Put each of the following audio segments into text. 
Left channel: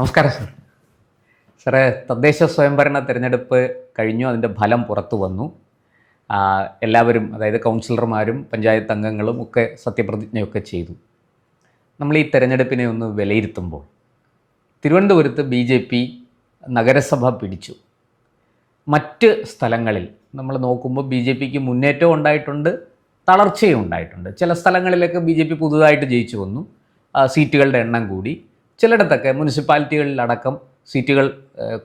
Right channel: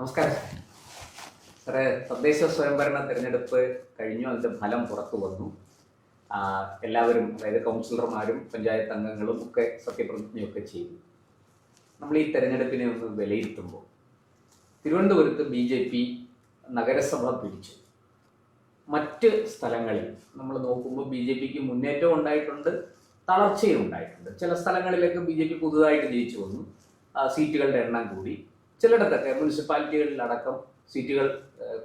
നമസ്കാരം സാർ. സാറേ, തദ്ദേശ സ്വയംഭരണ തിരഞ്ഞെടുപ്പ് കഴിഞ്ഞു, അതിൻ്റെ ഫലം പുറത്തു വന്നു. എല്ലാവരും, അതായത് കൗൺസിലർമാരും പഞ്ചായത്ത് അംഗങ്ങളും ഒക്കെ സത്യപ്രതിജ്ഞയൊക്കെ ചെയ്തു. നമ്മൾ ഈ തെരഞ്ഞെടുപ്പിനെ ഒന്ന് വിലയിരുത്തുമ്പോൾ തിരുവനന്തപുരത്ത് BJP നഗരസഭ പിടിച്ചു. മറ്റ് സ്ഥലങ്ങളിൽ നമ്മൾ നോക്കുമ്പോൾ BJPക്ക് മുന്നേറ്റവും ഉണ്ടായിട്ടുണ്ട്, തളർച്ചയും ഉണ്ടായിട്ടുണ്ട്. ചില സ്ഥലങ്ങളിലൊക്കെ BJP പുതുതായിട്ട് ജയിച്ചു വന്നു, സീറ്റുകളുടെ എണ്ണം കൂടി. ചിലയിടത്തൊക്കെ മുനിസിപ്പാലിറ്റികളിലടക്കം സീറ്റുകൾ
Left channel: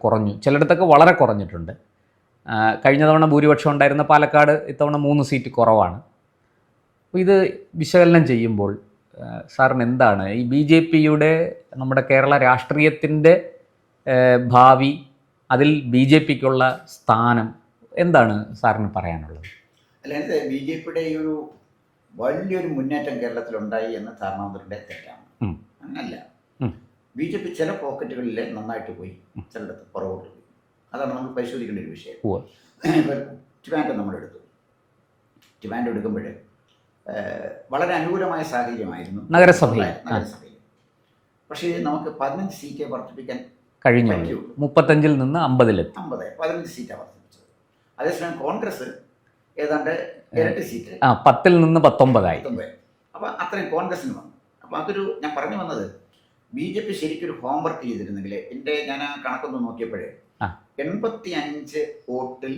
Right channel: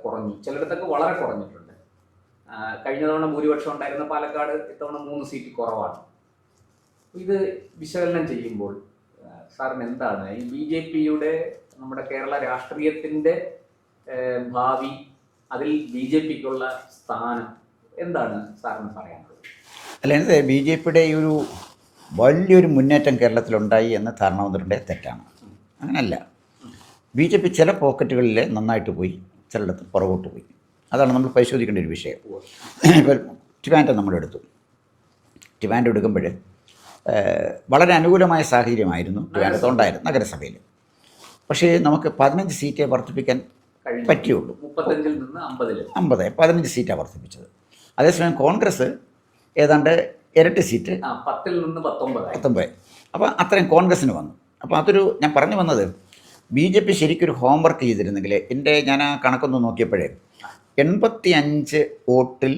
കുറഞ്ഞു, ചിലയിടത്തൊക്കെ വളരെ കുറഞ്ഞിട്ടുണ്ട്. കഴിഞ്ഞ തവണ ഭൂരിപക്ഷം ഉണ്ടായിരുന്ന പാലക്കാട് ഇത്തവണ 3 സീറ്റ് കുറവാണ്. അപ്പോൾ ഇത് വിശകലനം ചെയ്യുമ്പോൾ സാറിന് എന്താണ് ഈ BJPയുടെ നമ്മുടെ കേരള രാഷ്ട്രീയത്തിൻ്റെ ഭാവി, അതിൽ BJPക്കുള്ള സ്ഥാനം എന്താണ് സാറിന് പറയാനുള്ളത്? അല്ലാതെ BJPയുടെ ഈ ഒരു വലിയൊരു മുന്നേറ്റം കേരളത്തിലുണ്ടായി എന്ന് ധാരണ വന്നിട്ടുണ്ടേ തെറ്റാണ്. അങ്ങനല്ല. BJP ചില പോക്കറ്റുകളിൽ നന്നായിട്ട് പോയി, ചിലയിടത്ത് പുറകോട്ട് പോയി. അതാണ് നമ്മൾ പരിശോധിക്കേണ്ട ഒരു വിഷയം. ഇപ്പോൾ ട്രിവാൻഡ്രം നമ്മളെടുത്തു. ട്രിവാൻഡ്രം എടുക്കുമ്പോൾ വളരെ അനുകൂലമായ സാഹചര്യമായിരുന്നു നഗരസഭയിൽ. പക്ഷേ നമുക്ക് 15 സീറ്റേ വർദ്ധിപ്പിക്കാൻ പറ്റുള്ളൂ. 35-ൽ നിന്ന് 15 സീറ്റാണ് വർദ്ധിപ്പിച്ചത്. അതേസമയം കോൺഗ്രസ് ഏതാണ്ട് ഇരട്ടി സീറ്റ്, 10-ൽ നിന്ന് 19. അപ്പോൾ അത്രയും കോൺഗ്രസ്സിന് വന്നു. അപ്പോൾ അതൊരു, ഞാൻ പറഞ്ഞു വന്നത്, BJP ശരിക്കൊരു ഹോംവർക്ക് ചെയ്തിരുന്നെങ്കിൽ, ഞാൻ ആ കണക്കൊന്ന് നോക്കിയപ്പോഴേ 85 വോട്ടിൽ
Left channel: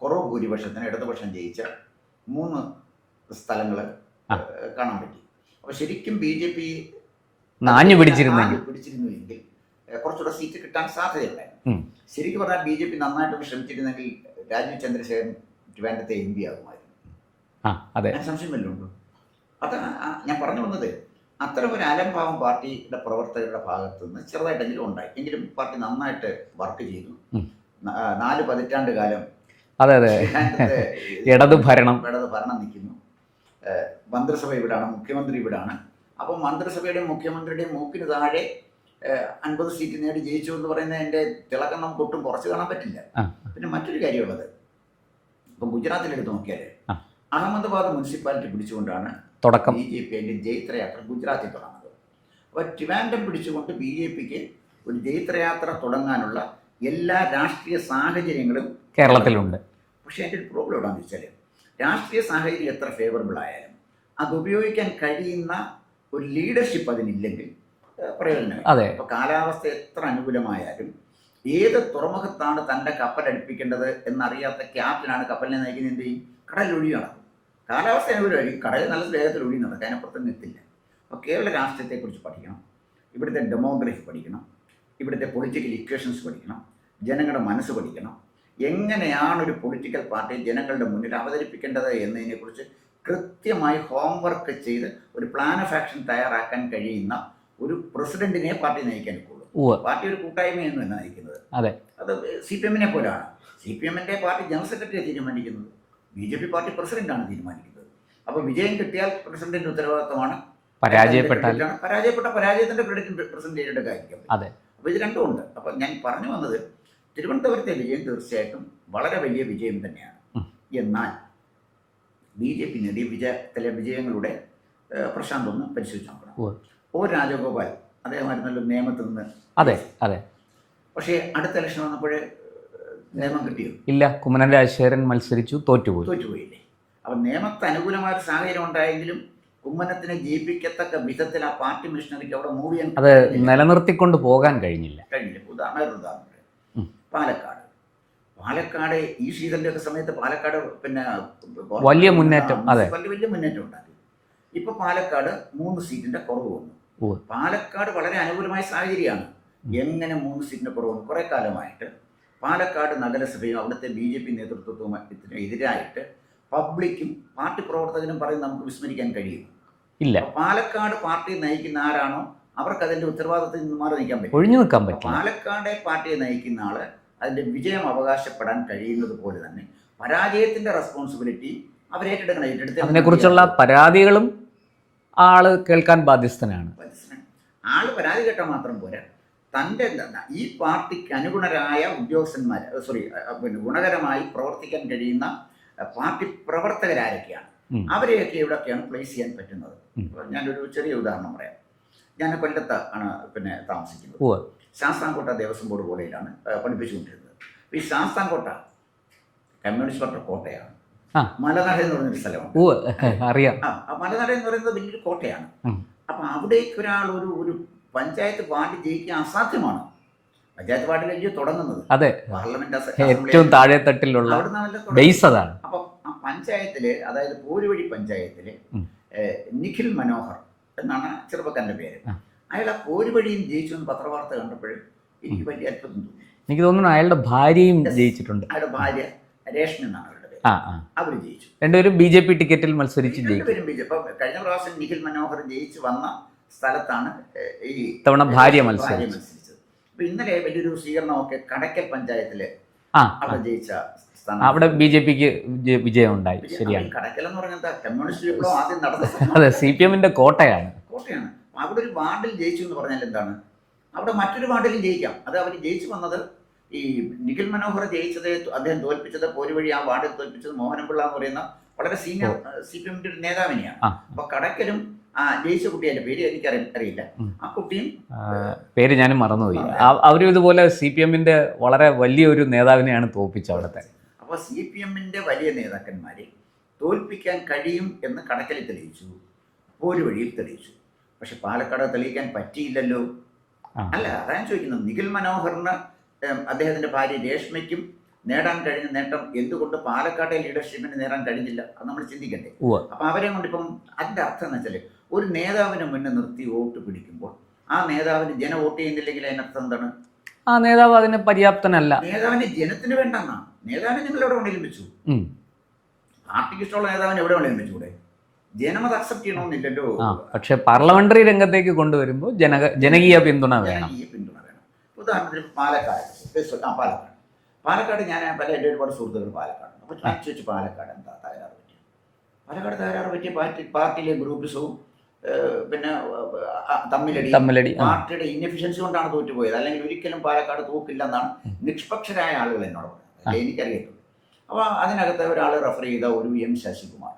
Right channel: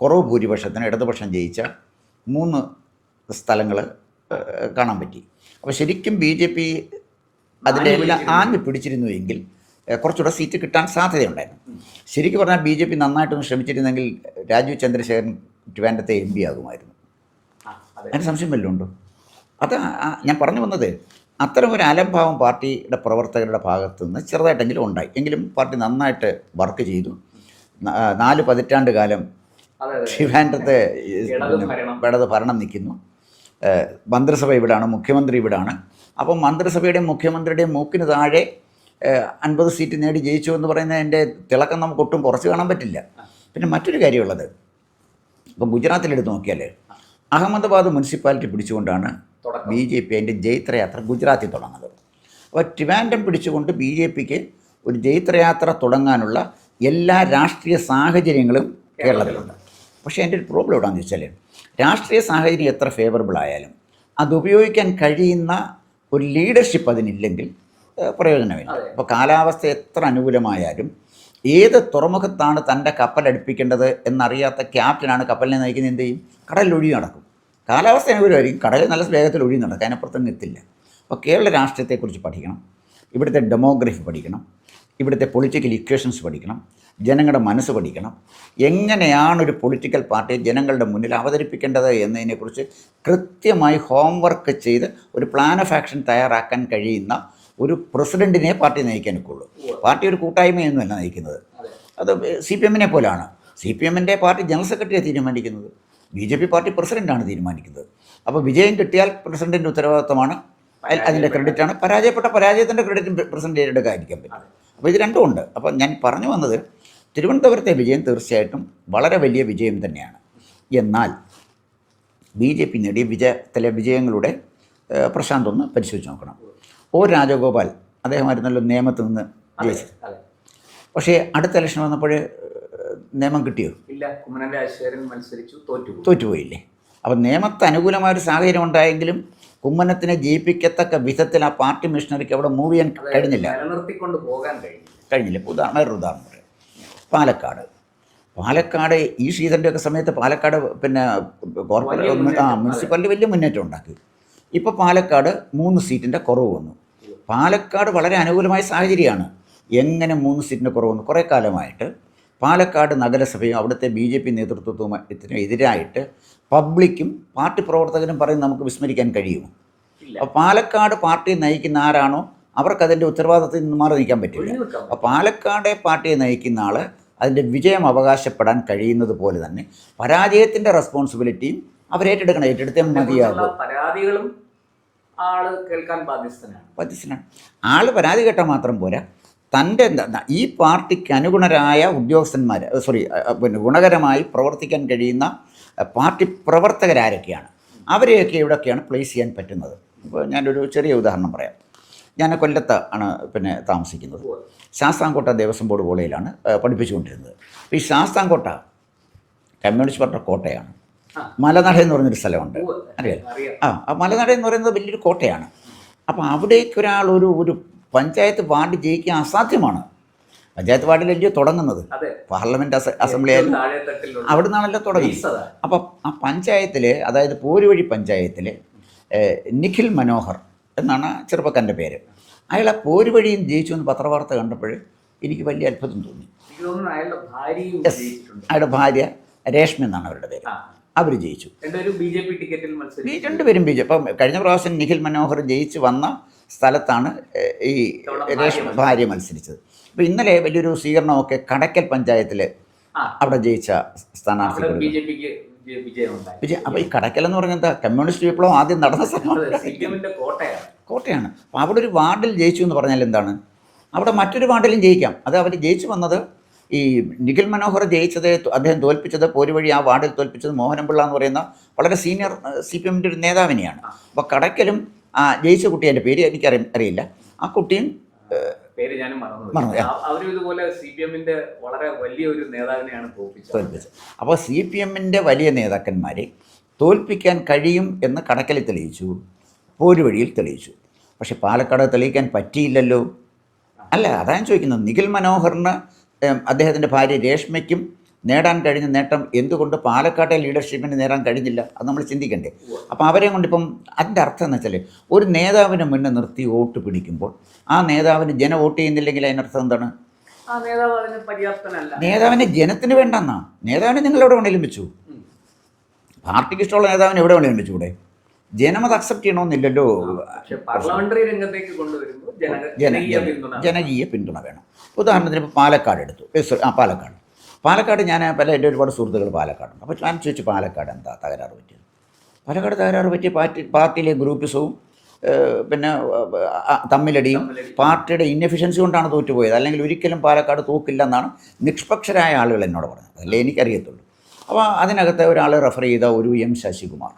കുറവ് ഭൂരിപക്ഷത്തിന് ഇടതുപക്ഷം ജയിച്ച 3 സ്ഥലങ്ങൾ കാണാൻ പറ്റി. അപ്പോൾ ശരിക്കും BJP ആഞ്ഞു പിടിച്ചിരുന്നുവെങ്കിൽ കുറച്ചുകൂടെ സീറ്റ് കിട്ടാൻ സാധ്യതയുണ്ടായിരുന്നു. ശരിക്കും പറഞ്ഞാൽ BJP നന്നായിട്ടൊന്ന് ശ്രമിച്ചിരുന്നെങ്കിൽ രാജീവ് ചന്ദ്രശേഖരൻ ട്രിവാൻഡ്രത്തെ MP ആകുമായിരുന്നു. അതിന് സംശയം വല്ലതും ഉണ്ടോ? അത് ഞാൻ പറഞ്ഞു വന്നത്, അത്തരം ഒരു അലംഭാവം പാർട്ടിയുടെ പ്രവർത്തകരുടെ ഭാഗത്തു നിന്ന് ചെറുതായിട്ടെങ്കിലും ഉണ്ടായി. എങ്കിലും പാർട്ടി നന്നായിട്ട് വർക്ക് ചെയ്തു. 4 പതിറ്റാണ്ട് കാലം ട്രിവാൻഡ്രത്തെ ഇടത് ഭരണം നിൽക്കുന്നു. മന്ത്രിസഭ ഇവിടാണ്, മുഖ്യമന്ത്രി ഇവിടാണ്. അപ്പം മന്ത്രിസഭയുടെയും മുഖ്യമന്ത്രിയുടെയും മൂക്കിന് താഴെ 50 സീറ്റ് നേടി ജയിച്ചു എന്ന് പറയുന്നതിൻ്റെ തിളക്കം നമുക്ക് ഒട്ടും കുറച്ച് കാണാൻ പറ്റില്ല. പിന്നെ മറ്റൊരു കാര്യമുള്ളത്, ഇപ്പം ഗുജറാത്തിലെടുത്ത് നോക്കിയാൽ അഹമ്മദാബാദ് മുനിസിപ്പാലിറ്റി പിടിച്ചുകൊണ്ടാണ് BJP അതിൻ്റെ ജൈത്രയാത്ര ഗുജറാത്തിൽ തുടങ്ങുന്നത്. അപ്പോൾ ട്രിവാൻഡ്രം പിടിച്ചുകൊണ്ട് BJPക്ക് ഒരു ജൈത്രയാത്ര തുടങ്ങാനുള്ള എല്ലാ രാഷ്ട്രീയ സാഹചര്യങ്ങളും കേരളത്തിലുണ്ട്. പക്ഷേ എൻ്റെ ഒരു പ്രോബ്ലം എവിടെയാണെന്ന് വെച്ചാൽ, രാഷ്ട്രീയ സാഹചര്യം എത്ര ഫേവറബിൾ ആയാലും അത് ഉപയോഗിക്കാൻ കഴിയുന്ന ഒരു ലീഡർഷിപ്പ് അതിനില്ലെങ്കിൽ പ്രയോജനമില്ല. അപ്പോൾ കാലാവസ്ഥ എത്ര അനുകൂലമായാലും ഏത് തുറമുഖത്താണ് തൻ്റെ കപ്പലടുപ്പിക്കേണ്ടത് എന്നറിയാത്ത ക്യാപ്റ്റനാണ് കപ്പലിനെ നയിക്കുന്നത്. എന്ത് ചെയ്യും? കടലിൽ ഒഴുകി നടക്കും. കാലാവസ്ഥ അനുകൂലമായിരിക്കും, കടലിൽ നല്ല വേഗത്തിൽ ഒഴുകി നടക്കും, അതിനപ്പുറത്തൊന്നും എത്തില്ല. അപ്പോൾ കേരള രാഷ്ട്രീയത്തെക്കുറിച്ച് പഠിക്കണം, ഇവിടുത്തെ ഡെമോഗ്രഫി പഠിക്കണം, ഇവിടുത്തെ പൊളിറ്റിക്കൽ ഇക്വേഷൻസ് പഠിക്കണം, ജനങ്ങളുടെ മനസ്സ് പഠിക്കണം. എങ്ങനെയാണ് ഒരു പൊളിറ്റിക്കൽ പാർട്ടിയെ ജനങ്ങളുടെ മുന്നിൽ അവതരിപ്പിക്കേണ്ടത് എന്നതിനെക്കുറിച്ച് കൃത്യമായി ഹോംവർക്ക് ചെയ്ത് ഒരു പ്ലാൻ ഓഫ് ആക്ഷൻ തയ്യാറാക്കാൻ കഴിയുന്ന ഒരു പ്രസിഡന്റിനെ പാർട്ടി നയിക്കാൻ ഒക്കുള്ളൂ. പാർട്ടി ഒരു കൂട്ടായ്മയൊന്നുമല്ല നയിക്കുന്നത്. അത് CPM പോലാണ്. CPMൻ്റെ പാർട്ടി ജനറൽ സെക്രട്ടറിയെ തീരുമാനിക്കുന്നത്, BJP പാർട്ടി പ്രസിഡന്റാണ് തീരുമാനിക്കുന്നത്. അപ്പോൾ വിജയം കിട്ടിയാൽ പ്രസിഡന്റിൻ്റെ ഉത്തരവാദിത്തമാണ്, അതിൻ്റെ ക്രെഡിറ്റാണ്. പരാജയത്തിൻ്റെ ക്രെഡിറ്റ് പ്രസിഡന്റ് ഏറ്റെടുക്കാതിരിക്കാൻ പറ്റും. അപ്പോൾ ഇത് രണ്ടും ഉണ്ട്. അപ്പോൾ ഞാൻ പറഞ്ഞു വന്നത്, തിരുവനന്തപുരത്തെ വിജയം തീർച്ചയായിട്ടും വളരെ വലിയ വിജയം തന്നെയാണ്. എന്നാൽ BJP നേടിയ ചില വിജയങ്ങളുടെ പ്രശാന്ത് ഒന്ന് പരിശോധിച്ച് നോക്കണം. രാജഗോപാൽ അദ്ദേഹമായിരുന്നല്ലോ നിയമത്തിൽ നിന്ന്. പക്ഷേ അടുത്ത ഇലക്ഷൻ വന്നപ്പോൾ നിയമം കിട്ടിയോ? ഇല്ല. കുമ്മനം രാജശേഖരൻ മത്സരിച്ചു, തോറ്റുപോയില്ലേ? അപ്പം നിയമത്തെ അനുകൂലമായൊരു സാഹചര്യം ഉണ്ടായെങ്കിലും കുമ്മനത്തിനെ ജയിപ്പിക്കത്തക്ക വിധത്തിൽ ആ പാർട്ടി മിഷണറിക്ക് അവിടെ മൂവ് ചെയ്യാൻ കഴിഞ്ഞില്ല, നിലനിർത്തിക്കൊണ്ട് പോകാൻ കഴിഞ്ഞില്ല. വേറൊരു ഉദാഹരണം പാലക്കാട് ഈ ശ്രീധരൻ്റെ ഒക്കെ സമയത്ത് പാലക്കാട് വലിയ മുന്നേറ്റം ഉണ്ടാക്കി. ഇപ്പോൾ പാലക്കാട് 3 സീറ്റിൻ്റെ കുറവ് വന്നു. പാലക്കാട് വളരെ അനുകൂലമായ സാഹചര്യമാണ്. എങ്ങനെ 3 സീറ്റിൻ്റെ കുറവ് വന്നു? കുറേ കാലമായിട്ട് പാലക്കാട് നഗരസഭയും അവിടുത്തെ BJP നേതൃത്വത്തിന് എതിരായിട്ട് പബ്ലിക്കും പാർട്ടി പ്രവർത്തകരും പറയുന്നത് നമുക്ക് വിസ്മരിക്കാൻ കഴിയുമോ? ഇല്ല. പാലക്കാട് പാർട്ടി നയിക്കുന്ന ആരാണോ അവർക്കതിൻ്റെ ഉത്തരവാദിത്തത്തിൽ നിന്ന് മാറി നിൽക്കാൻ പറ്റും. പാലക്കാട് പാർട്ടിയെ നയിക്കുന്ന ആൾ അതിൻ്റെ വിജയം അവകാശപ്പെടാൻ കഴിയുന്നത് പോലെ തന്നെ പരാജയത്തിൻ്റെ റെസ്പോൺസിബിലിറ്റിയും അവരേറ്റെടുക്കണം. അതിനെക്കുറിച്ചുള്ള പരാതികളും ആൾ കേൾക്കാൻ ബാധ്യസ്ഥനാണ്. ആൾ പരാതി കേട്ടാൽ മാത്രം പോരാ, തൻ്റെ ഈ പാർട്ടിക്ക് അനുഗുണരായ ഉദ്യോഗസ്ഥന്മാർ ഗുണകരമായി പ്രവർത്തിക്കാൻ കഴിയുന്ന പാർട്ടി പ്രവർത്തകരാരൊക്കെയാണ്, അവരെയൊക്കെ എവിടെയൊക്കെയാണ് പ്ലേസ് ചെയ്യാൻ പറ്റുന്നത്. ഇപ്പോൾ ഞാനൊരു ചെറിയ ഉദാഹരണം പറയാം. ഞാൻ കൊല്ലത്ത് ആണ് പിന്നെ താമസിക്കുന്നത്. ഉവ്വ്. ശാസ്താംകോട്ട ദേവസ്വം ബോർഡ് കോളേജിലാണ് പഠിപ്പിച്ചുകൊണ്ടിരുന്നത്. ഈ ശാസ്താംകോട്ട കമ്മ്യൂണിസ്റ്റ് പാർട്ടി കോട്ടയാണ്. ആ. മലനട എന്ന് പറഞ്ഞൊരു സ്ഥലമുണ്ട്. ഉവ്വ്. അറിയാം. ആ മലനട എന്ന് പറയുന്നത് വലിയൊരു കോട്ടയാണ്. അപ്പോൾ അവിടേക്ക് ഒരാൾ ഒരു പഞ്ചായത്ത് വാർഡ് ജയിക്കാൻ അസാധ്യമാണ്. പഞ്ചായത്ത് വാർഡിലല്ലേ തുടങ്ങുന്നത്. അതെ. പാർലമെന്റ് അസംബ്ലി ഏറ്റവും താഴെത്തട്ടിലുള്ള അവിടെ നിന്നാണല്ലോ ബേസ് തുടങ്ങുന്നത്. അതാണ്. അപ്പം ആ പഞ്ചായത്തിൽ, അതായത് പോരുവഴി പഞ്ചായത്തിൽ നിഖിൽ മനോഹർ എന്നാണ് ചെറുപ്പക്കാരൻ്റെ പേര്. അയാൾ ആ പോരുവഴിയും ജയിച്ചു എന്ന് പത്രവാർത്ത കണ്ടപ്പോൾ എനിക്ക് വലിയ അത്ഭുതം തോന്നി. എനിക്ക് തോന്നുന്നു അയാളുടെ ഭാര്യയും ജയിച്ചിട്ടുണ്ട്. അയാളുടെ ഭാര്യ രേഷ്മ എന്നാണ് അവരുടെ പേര്. അവർ ജയിച്ചു. രണ്ടുപേരും BJP ടിക്കറ്റിൽ മത്സരിച്ചു. രണ്ടുപേരും BJP. അപ്പം കഴിഞ്ഞ പ്രാവശ്യം നിഖിൽ മനോഹർ ജയിച്ച് വന്ന സ്ഥലത്താണ് ഈ ഭാര്യ മത്സരിച്ചത്. അപ്പോൾ ഇന്നലെ വലിയൊരു സ്വീകരണമൊക്കെ കടക്കൽ പഞ്ചായത്തിൽ അവിടെ ജയിച്ച സ്ഥാനം. അവിടെ BJPക്ക് വിജയം ഉണ്ടായി. അപ്പോൾ ഈ കടക്കൽ എന്ന് പറഞ്ഞാൽ എന്താ, കമ്മ്യൂണിസ്റ്റ് വിപ്ലവം ആദ്യം നടന്ന അതെ, CPM-ന്റെ കോട്ടയാണ്. അപ്പോൾ അവിടെ ഒരു വാർഡിൽ ജയിച്ചു എന്ന് പറഞ്ഞാൽ എന്താണ്, അവിടെ മറ്റൊരു വാർഡിലും ജയിക്കാം. അത് അവർ ജയിച്ചു വന്നത്, ഈ നിഖിൽ മനോഹർ ജയിച്ചത്, അദ്ദേഹം തോൽപ്പിച്ചത്, പോരുവഴി ആ വാർഡിൽ തോൽപ്പിച്ചത് മോഹനപിള്ള എന്ന് പറയുന്ന വളരെ സീനിയർ CPM-ന്റെ ഒരു നേതാവിനെയാണ്. അപ്പോൾ കടക്കലും ജയിച്ച കുട്ടി, എൻ്റെ പേര് എനിക്ക് അറിയില്ല, ആ കുട്ടിയും പേര് ഞാനും മറന്നുപോയി. അവരും ഇതുപോലെ CPM-ന്റെ വളരെ വലിയൊരു നേതാവിനെയാണ് തോൽപ്പിച്ചത്. അപ്പോൾ CPM-ന്റെ വലിയ നേതാക്കന്മാരെ തോൽപ്പിക്കാൻ കഴിയും എന്ന് കടക്കലിൽ തെളിയിച്ചു, പോരുവഴിയിൽ തെളിയിച്ചു. പക്ഷെ പാലക്കാട് തെളിയിക്കാൻ പറ്റിയില്ലല്ലോ. അല്ല, അതാ ഞാൻ ചോദിക്കുന്നത്. നിഖിൽ മനോഹറിന് അദ്ദേഹത്തിൻ്റെ ഭാര്യ രേഷ്മയ്ക്കും നേടാൻ കഴിഞ്ഞ നേട്ടം എന്തുകൊണ്ട് പാലക്കാട്ടെ ലീഡർഷിപ്പിന് നേടാൻ കഴിഞ്ഞില്ല? അത് നമ്മൾ ചിന്തിക്കണ്ടേ? അപ്പോൾ അവരെ കൊണ്ടിപ്പം അതിൻ്റെ അർത്ഥം എന്ന് വെച്ചാൽ, ഒരു നേതാവിനെ മുന്നേ നിർത്തി വോട്ട് പിടിക്കുമ്പോൾ ആ നേതാവിന് ജനം വോട്ട് ചെയ്യുന്നില്ലെങ്കിൽ അതിനർത്ഥം എന്താണ്? ആ നേതാവ് അതിന് പര്യാപ്തനല്ല. നേതാവിനെ ജനത്തിന് വേണ്ടെന്നാ. നേതാവിനെ നിങ്ങൾ എവിടെ വേണേലും വെച്ചു. പാർട്ടിക്ക് ഇഷ്ടമുള്ള നേതാവിനെ എവിടെ വേണേലും വെച്ചുകൂടെ? ജനം അത് അക്സെപ്റ്റ് ചെയ്യണമെന്നില്ലല്ലോ. പക്ഷേ പാർലമെന്ററി രംഗത്തേക്ക് കൊണ്ടുവരുമ്പോൾ ജനകീയ പിന്തുണ വേണം. ഉദാഹരണത്തിന് ഇപ്പോൾ പാലക്കാട് എടുത്തു. പാലക്കാട് ഞാൻ എൻ്റെ ഒരുപാട് സുഹൃത്തുക്കൾ പാലക്കാടുണ്ട്. അപ്പോൾ ഞാൻ ചോദിച്ചു, പാലക്കാട് എന്താ തകരാറ് പറ്റിയത്? പാലക്കാട് തകരാറ് പറ്റിയ പാർട്ടിയിലെ ഗ്രൂപ്പിസവും പിന്നെ തമ്മിലടി, പാർട്ടിയുടെ ഇൻഎഫിഷ്യൻസി കൊണ്ടാണ് തോറ്റുപോയത്. അല്ലെങ്കിൽ ഒരിക്കലും പാലക്കാട് തോക്കില്ല എന്നാണ് നിഷ്പക്ഷരായ ആളുകൾ എന്നോട് പറഞ്ഞത്. അതല്ലേ എനിക്കറിയത്തുള്ളൂ. അപ്പോൾ അതിനകത്ത് ഒരാൾ റെഫർ ചെയ്ത ഒരു M ശശികുമാർ.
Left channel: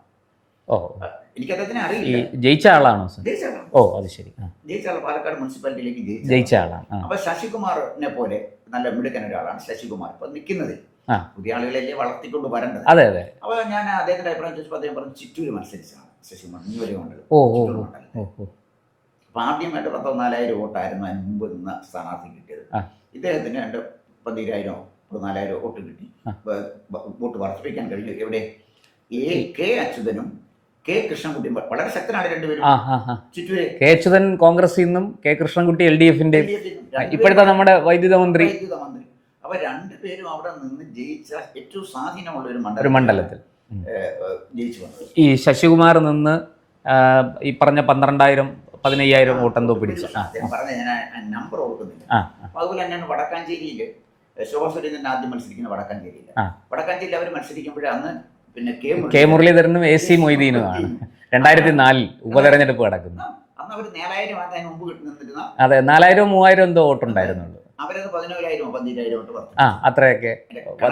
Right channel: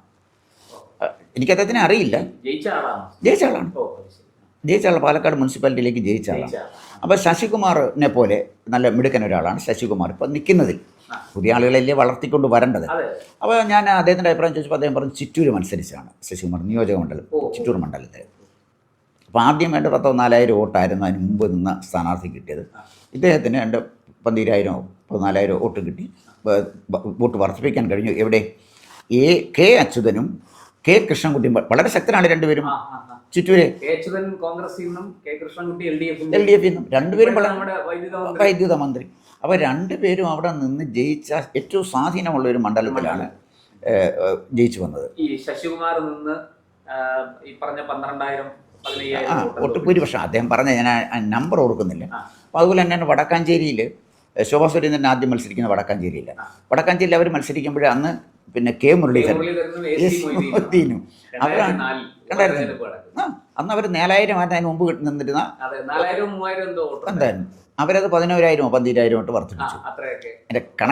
എനിക്ക് അദ്ദേഹത്തിനെ അറിയില്ല. ജയിച്ച ആളാണ്. ഓ, അത് ശരി. ജയിച്ച ആൾ പാലക്കാട് മുനിസിപ്പാലിറ്റിയിലേക്ക് ജയിച്ച ആളാണ്. അപ്പോൾ ശശികുമാറിനെ പോലെ നല്ല മിടുക്കൻ ഒരാളാണ് ശശികുമാർ. ഇപ്പം നിൽക്കുന്നതിൽ പുതിയ ആളുകളല്ലേ വളർത്തിക്കൊണ്ട് വരേണ്ടത്. അപ്പോൾ ഞാൻ അദ്ദേഹത്തിൻ്റെ അഭിപ്രായം ചോദിച്ചപ്പോൾ അദ്ദേഹം പറഞ്ഞു, ചിറ്റൂർ മത്സരിച്ചാണ് ശശികുമാർ, നിയോജകമണ്ഡലം ചിറ്റൂർ മണ്ഡലത്തിൽ. അപ്പോൾ ആദ്യം വേണ്ട 4000 വോട്ടായിരുന്നു അതിന് മുമ്പ് നിന്ന സ്ഥാനാർത്ഥി കിട്ടിയത്. ഇദ്ദേഹത്തിന് 12,000-14,000 വോട്ട് കിട്ടി. വോട്ട് വർദ്ധിപ്പിക്കാൻ കഴിഞ്ഞു. എവിടെ? കെ അച്യുതനും കെ കൃഷ്ണൻകുട്ടിയും വളരെ ശക്തനാണ് രണ്ടുപേരും. ചിറ്റൂര് കെ അച്യുതൻ കോൺഗ്രസിൽ നിന്നും കെ കൃഷ്ണൻകുട്ടി LDF-ന്റെ നമ്മുടെ വൈദ്യുത മന്ത്രി. അപ്പോൾ രണ്ടുപേരും അവിടെ നിന്ന് ജയിച്ച ഏറ്റവും സ്വാധീനമുള്ള ഒരു മണ്ഡലത്തിൽ ജയിച്ചു വന്നത്. ഈ ശശികുമാർ നിന്ന് ഈ പറഞ്ഞ 12,000-15,000 വോട്ട് ഭൂരിപക്ഷം അദ്ദേഹം പറഞ്ഞ, ഞാൻ നമ്പർ ഓർക്കുന്നില്ല. അപ്പോൾ അതുപോലെ തന്നെയാണ് വടക്കാഞ്ചേരിയിൽ ശോഭാ സുരേന്ദ്രൻ ആദ്യം മത്സരിക്കുന്ന വടക്കാഞ്ചേരിയിൽ അവർ മത്സരിക്കുമ്പോൾ അന്ന് പിന്നെ കെ മുരളീധരനും AC മൊയ്തീനും 2004 ഉപതെരഞ്ഞെടുപ്പ് നടക്കുന്നു. അന്ന് അവർ 4,000 അതിന് മുമ്പ് നിന്നിരുന്ന 4,000-3,000 എന്തോ വോട്ടുണ്ടായിരുന്നു. അവരത് 11,000-12,000 വോട്ട് വർദ്ധിച്ചു. അത്രയൊക്കെ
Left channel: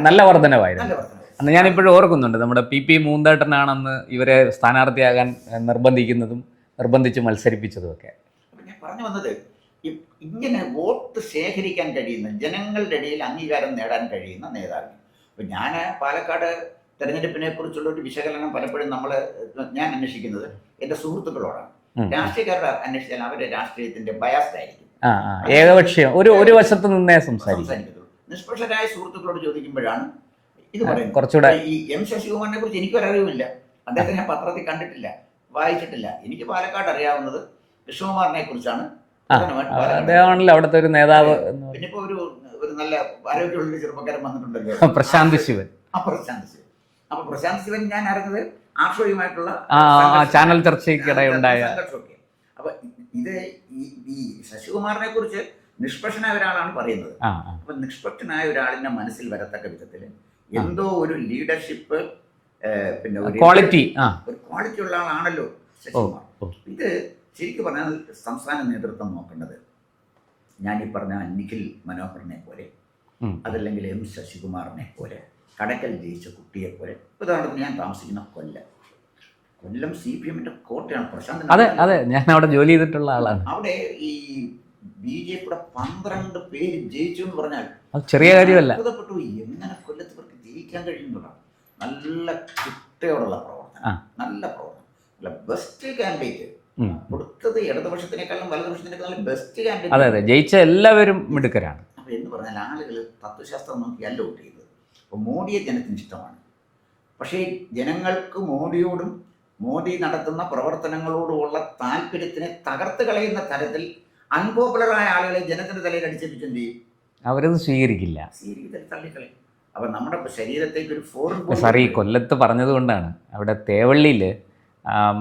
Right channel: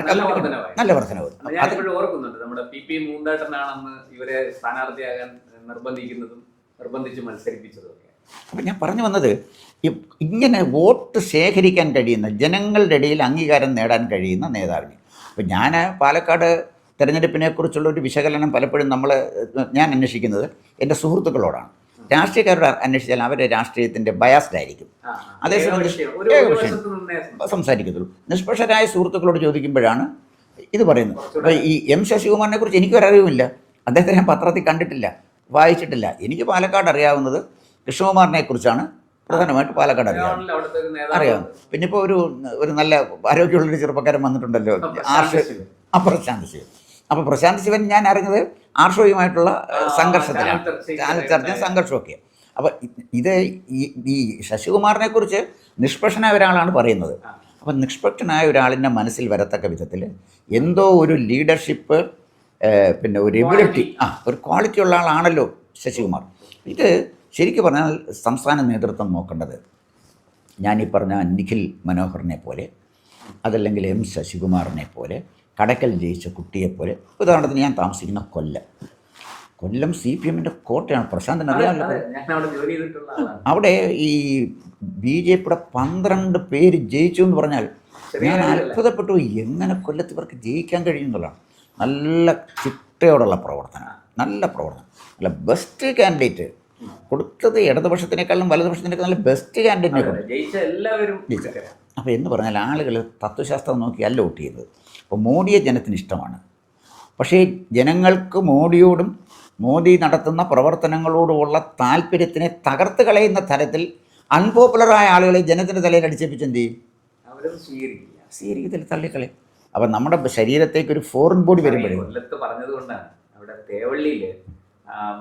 നല്ല വർധനവായിരുന്നു. അന്ന് ഞാനിപ്പോഴും ഓർക്കുന്നുണ്ട്, നമ്മുടെ PP മൂന്തേട്ടനാണെന്ന് ഇവരെ സ്ഥാനാർത്ഥിയാകാൻ നിർബന്ധിച്ച് മത്സരിപ്പിച്ചതും ഒക്കെ. അപ്പം ഞാൻ പറഞ്ഞു വന്നത്, ഇങ്ങനെ വോട്ട് ശേഖരിക്കാൻ കഴിയുന്ന, ജനങ്ങളുടെ ഇടയിൽ അംഗീകാരം നേടാൻ കഴിയുന്ന നേതാവിനെ. അപ്പം ഞാൻ പാലക്കാട് തെരഞ്ഞെടുപ്പിനെക്കുറിച്ചുള്ള ഒരു വിശകലനം പലപ്പോഴും ഞാൻ അന്വേഷിക്കുന്നത് എൻ്റെ സുഹൃത്തുക്കളോടാണ്. രാഷ്ട്രീയക്കാരോട് അന്വേഷിച്ചാൽ അവരുടെ രാഷ്ട്രീയത്തിൻ്റെ ബയാസ്ഡ് ആയിരിക്കും, ഒരു വശത്ത് നിന്നേ സംസാരിക്കത്തുള്ളൂ. നിഷ്പക്ഷരായ സുഹൃത്തുക്കളോട് ചോദിക്കുമ്പോഴാണ് ഇത് പറയുന്നത്. കുറച്ചുകൂടെ ഈ M ശശികുമാറിനെ കുറിച്ച് എനിക്കൊരറിവുമില്ല. അദ്ദേഹത്തെ ഞാൻ പത്രത്തിൽ കണ്ടിട്ടില്ല, വായിച്ചിട്ടില്ല. എനിക്ക് പാലക്കാട് അറിയാവുന്നത് കൃഷ്ണകുമാറിനെ കുറിച്ചാണ്. പ്രധാനമായിട്ട് പാലക്കാട് അവിടുത്തെ ഒരു നേതാവ്. പിന്നെ ഇപ്പോൾ ഒരു നല്ല ആരോഗ്യമുള്ളൊരു ചെറുപ്പക്കാരൻ വന്നിട്ടുണ്ടല്ലോ, പ്രശാന്ത് ശിവൻ. അപ്പോൾ പ്രശാന്ത് ശിവൻ ഞാൻ അറിഞ്ഞത് ആർഷോയുമായിട്ടുള്ള സംഘർഷമൊക്കെ. അപ്പോൾ ഇത് ഈ ശശികുമാറിനെ കുറിച്ച് നിഷ്പക്ഷനായ ഒരാളാണ് പറയുന്നത്. അപ്പം നിഷ്പക്ഷനായ ഒരാളിൻ്റെ മനസ്സിൽ വരത്തക്ക വിധത്തിൽ എന്തോ ഒരു ലീഡർഷിപ്പ്, പിന്നെ ഒരു ക്വാളിറ്റി ഉള്ള ആളാണല്ലോ ശശികുമാർ. ഇത് ശരിക്കും പറഞ്ഞാൽ സംസ്ഥാന നേതൃത്വം നോക്കേണ്ടത്, ഞാനീ പറഞ്ഞ നിഖിൽ മനോഹറിനെ പോലെ, അതല്ലെങ്കിൽ M ശശികുമാറിനെ പോലെ, കടക്കൽ ജയിച്ച കുട്ടിയെപ്പോലെ. ഉദാഹരണത്തിന് ഞാൻ താമസിക്കുന്ന കൊല്ലം കൊല്ലം CPM-ന്റെ കോട്ടയാണ്. പ്രശാന്തൻ അതെ അതെ, ഞാൻ അവിടെ ജോലി ചെയ്തിട്ടുള്ള ആളാണ്. അവിടെ ഈ BJP-യുടെ 12 പേര് ജയിച്ചു എന്ന് പറഞ്ഞാൽ അത് ചെറിയ കാര്യമല്ല. അത്ഭുതപ്പെട്ടു. എങ്ങനെ കൊല്ലത്ത് ഇവർക്ക് ജയിക്കാൻ കഴിയുന്നതാണ്. നല്ല ചിട്ടയോടുള്ള പ്രവർത്തനം, നല്ല പ്രവർത്തനം, നല്ല ബെസ്റ്റ് കാൻഡിഡേറ്റ് കൊടുത്തത്. ഇടതുപക്ഷത്തിനേക്കാളും വലതുപക്ഷത്തിനേക്കാളും നല്ല ബെസ്റ്റ് കാൻഡിഡേറ്റ്. അതെ, ജയിച്ച എല്ലാവരും മിടുക്കരാണ്. അപ്പോൾ എന്ന് പറഞ്ഞാൽ ആളുകൾ തത്വശാസ്ത്രം നോക്കിയല്ല വോട്ട് ചെയ്യുന്നത്. അപ്പോൾ മോഡിയെ ജനത്തിന് ഇഷ്ടമാണ്. പക്ഷേ ജനങ്ങൾക്ക് മോഡിയോടും മോദി നടത്തുന്ന പ്രവർത്തനങ്ങളോടുമുള്ള താല്പര്യത്തിനെ തകർത്ത് കളയുന്ന തരത്തിൽ അൺപോപ്പുലറായ ആളുകളെ ജനത്തിൻ്റെ തലയിൽ അടിച്ചേപ്പിച്ച് എന്ത് ചെയ്യും? അവരത് സ്വീകരിക്കത്തില്ല, തള്ളിക്കളയും. അപ്പം നമ്മുടെ ശരീരത്തേക്ക് ഒരു ഫോറിൻ ബോഡി. ഈ കൊല്ലത്ത് പറഞ്ഞതുകൊണ്ടാണ് അവിടെ തേവള്ളിയിൽ